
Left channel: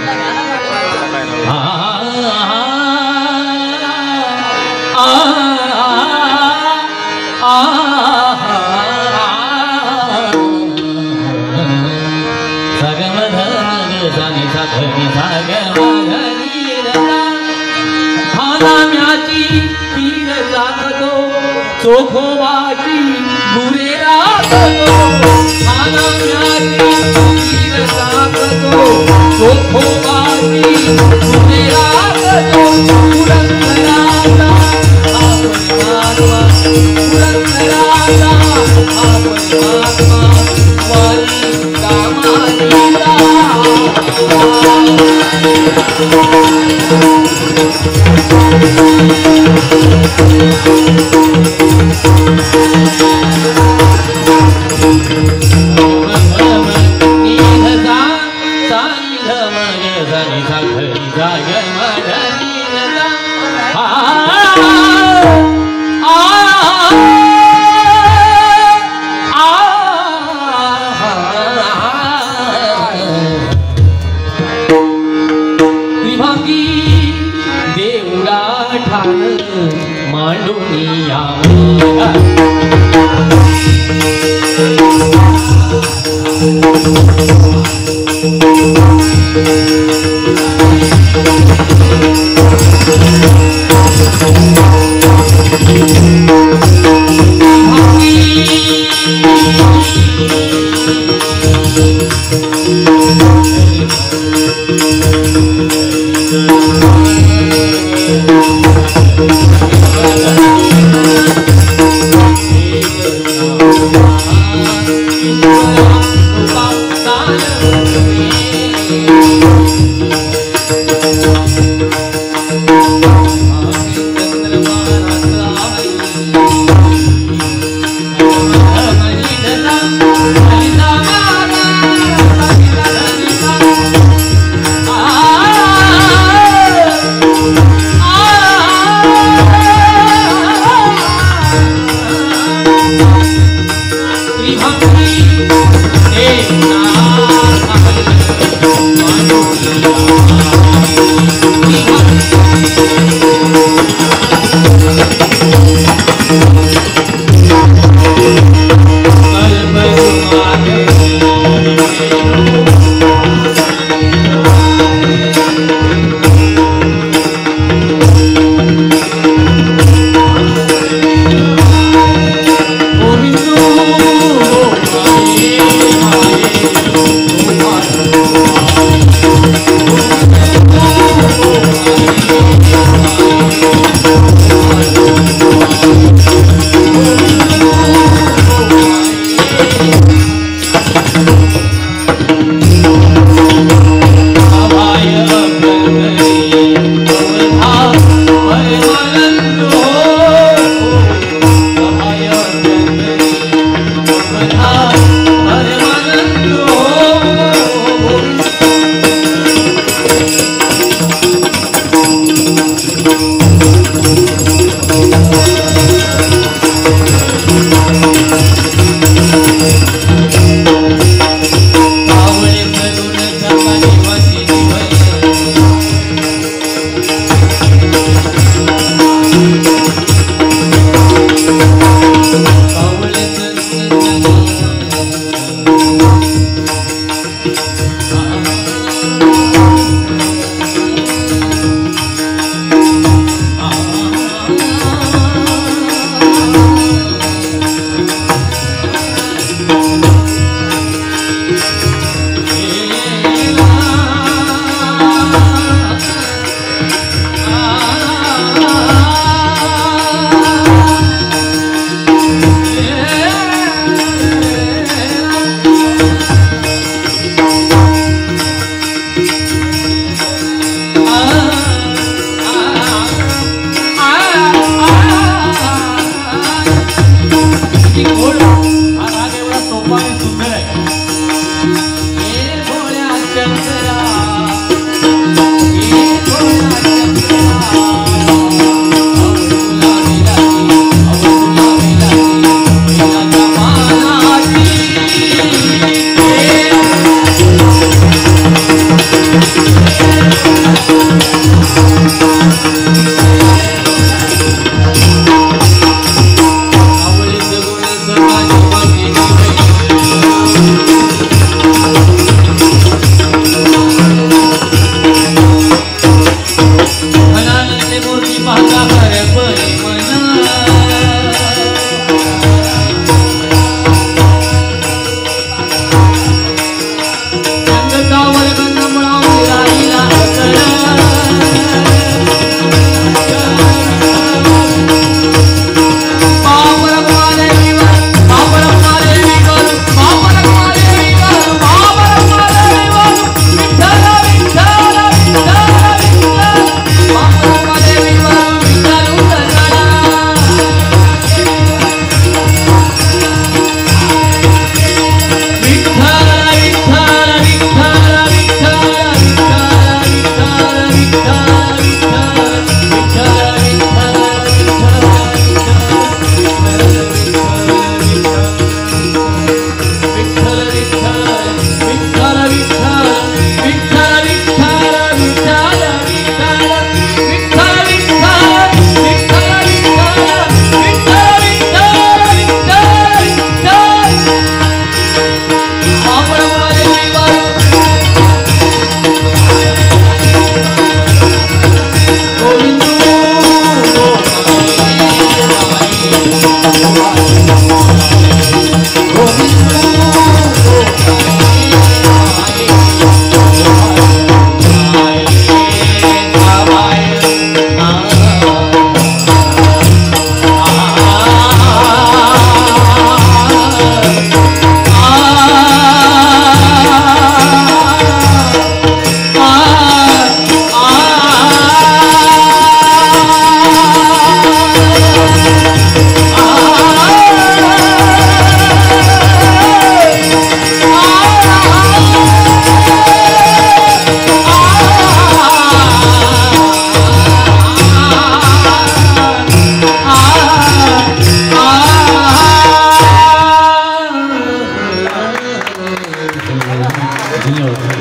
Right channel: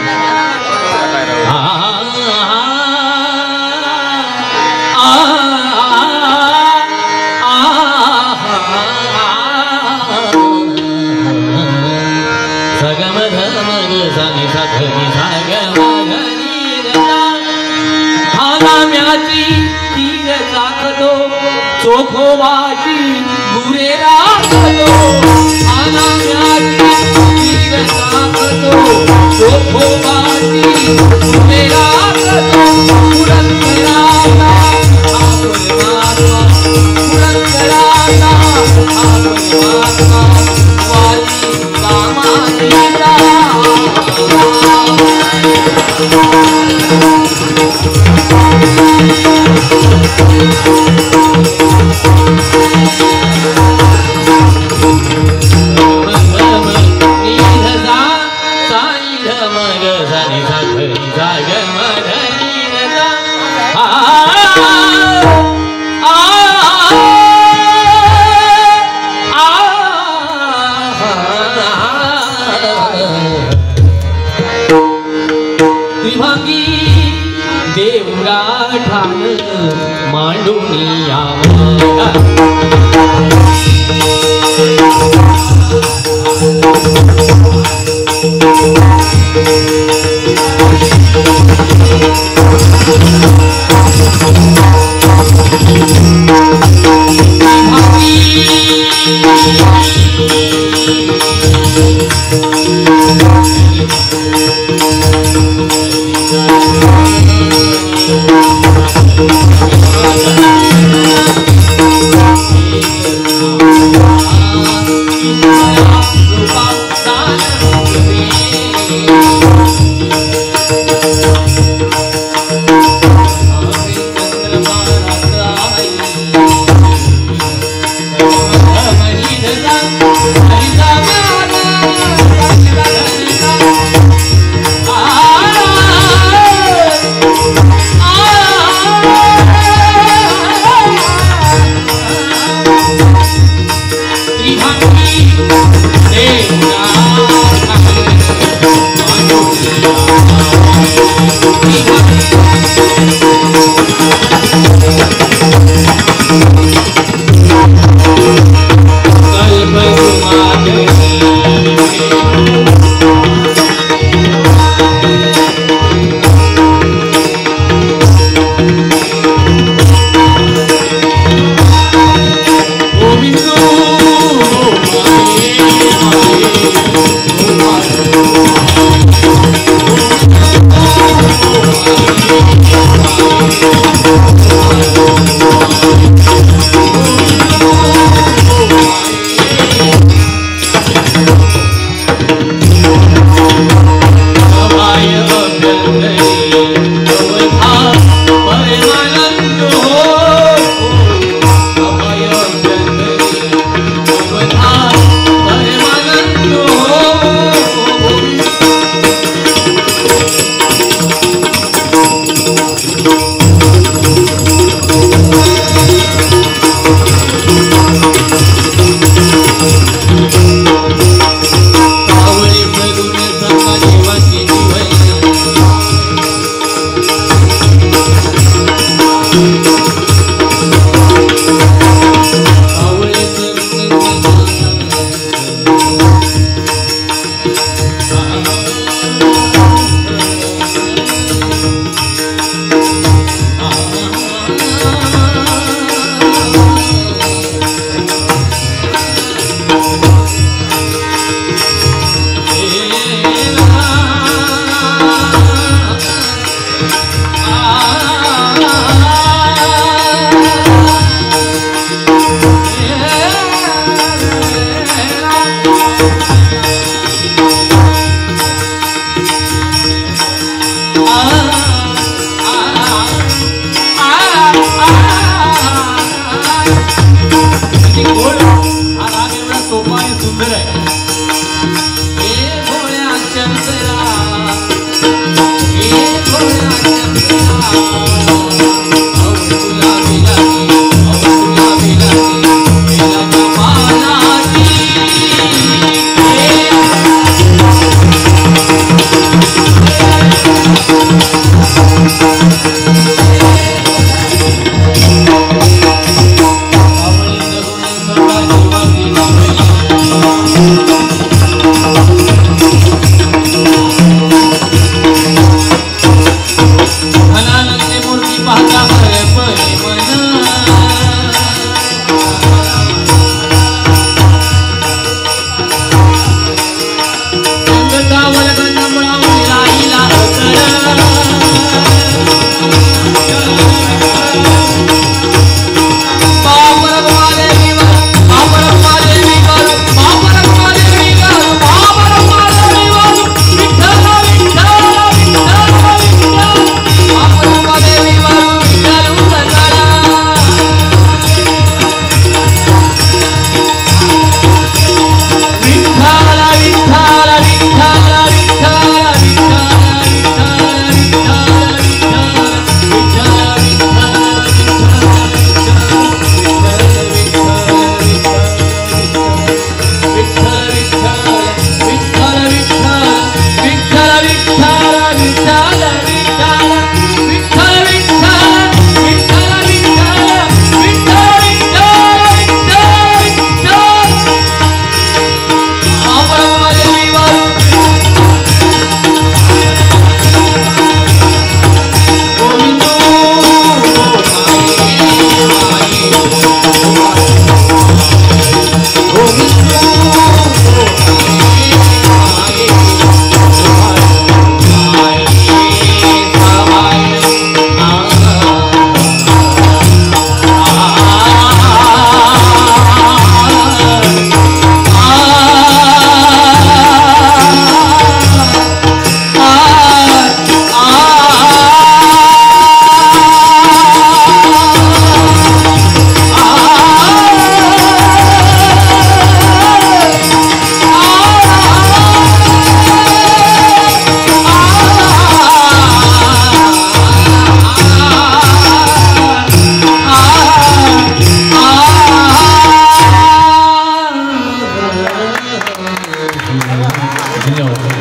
चोखोबाची गुरे राखतो, चोखोबाची गुरे राखतो.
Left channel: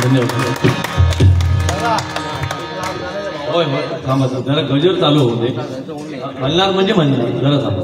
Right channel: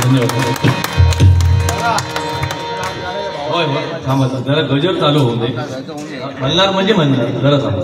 धन्यवाद. होय होय थांबा सर, जरा गजर चालू होऊ दे. म्हणणार म्हणजे म्हणणार, जरा थांबा.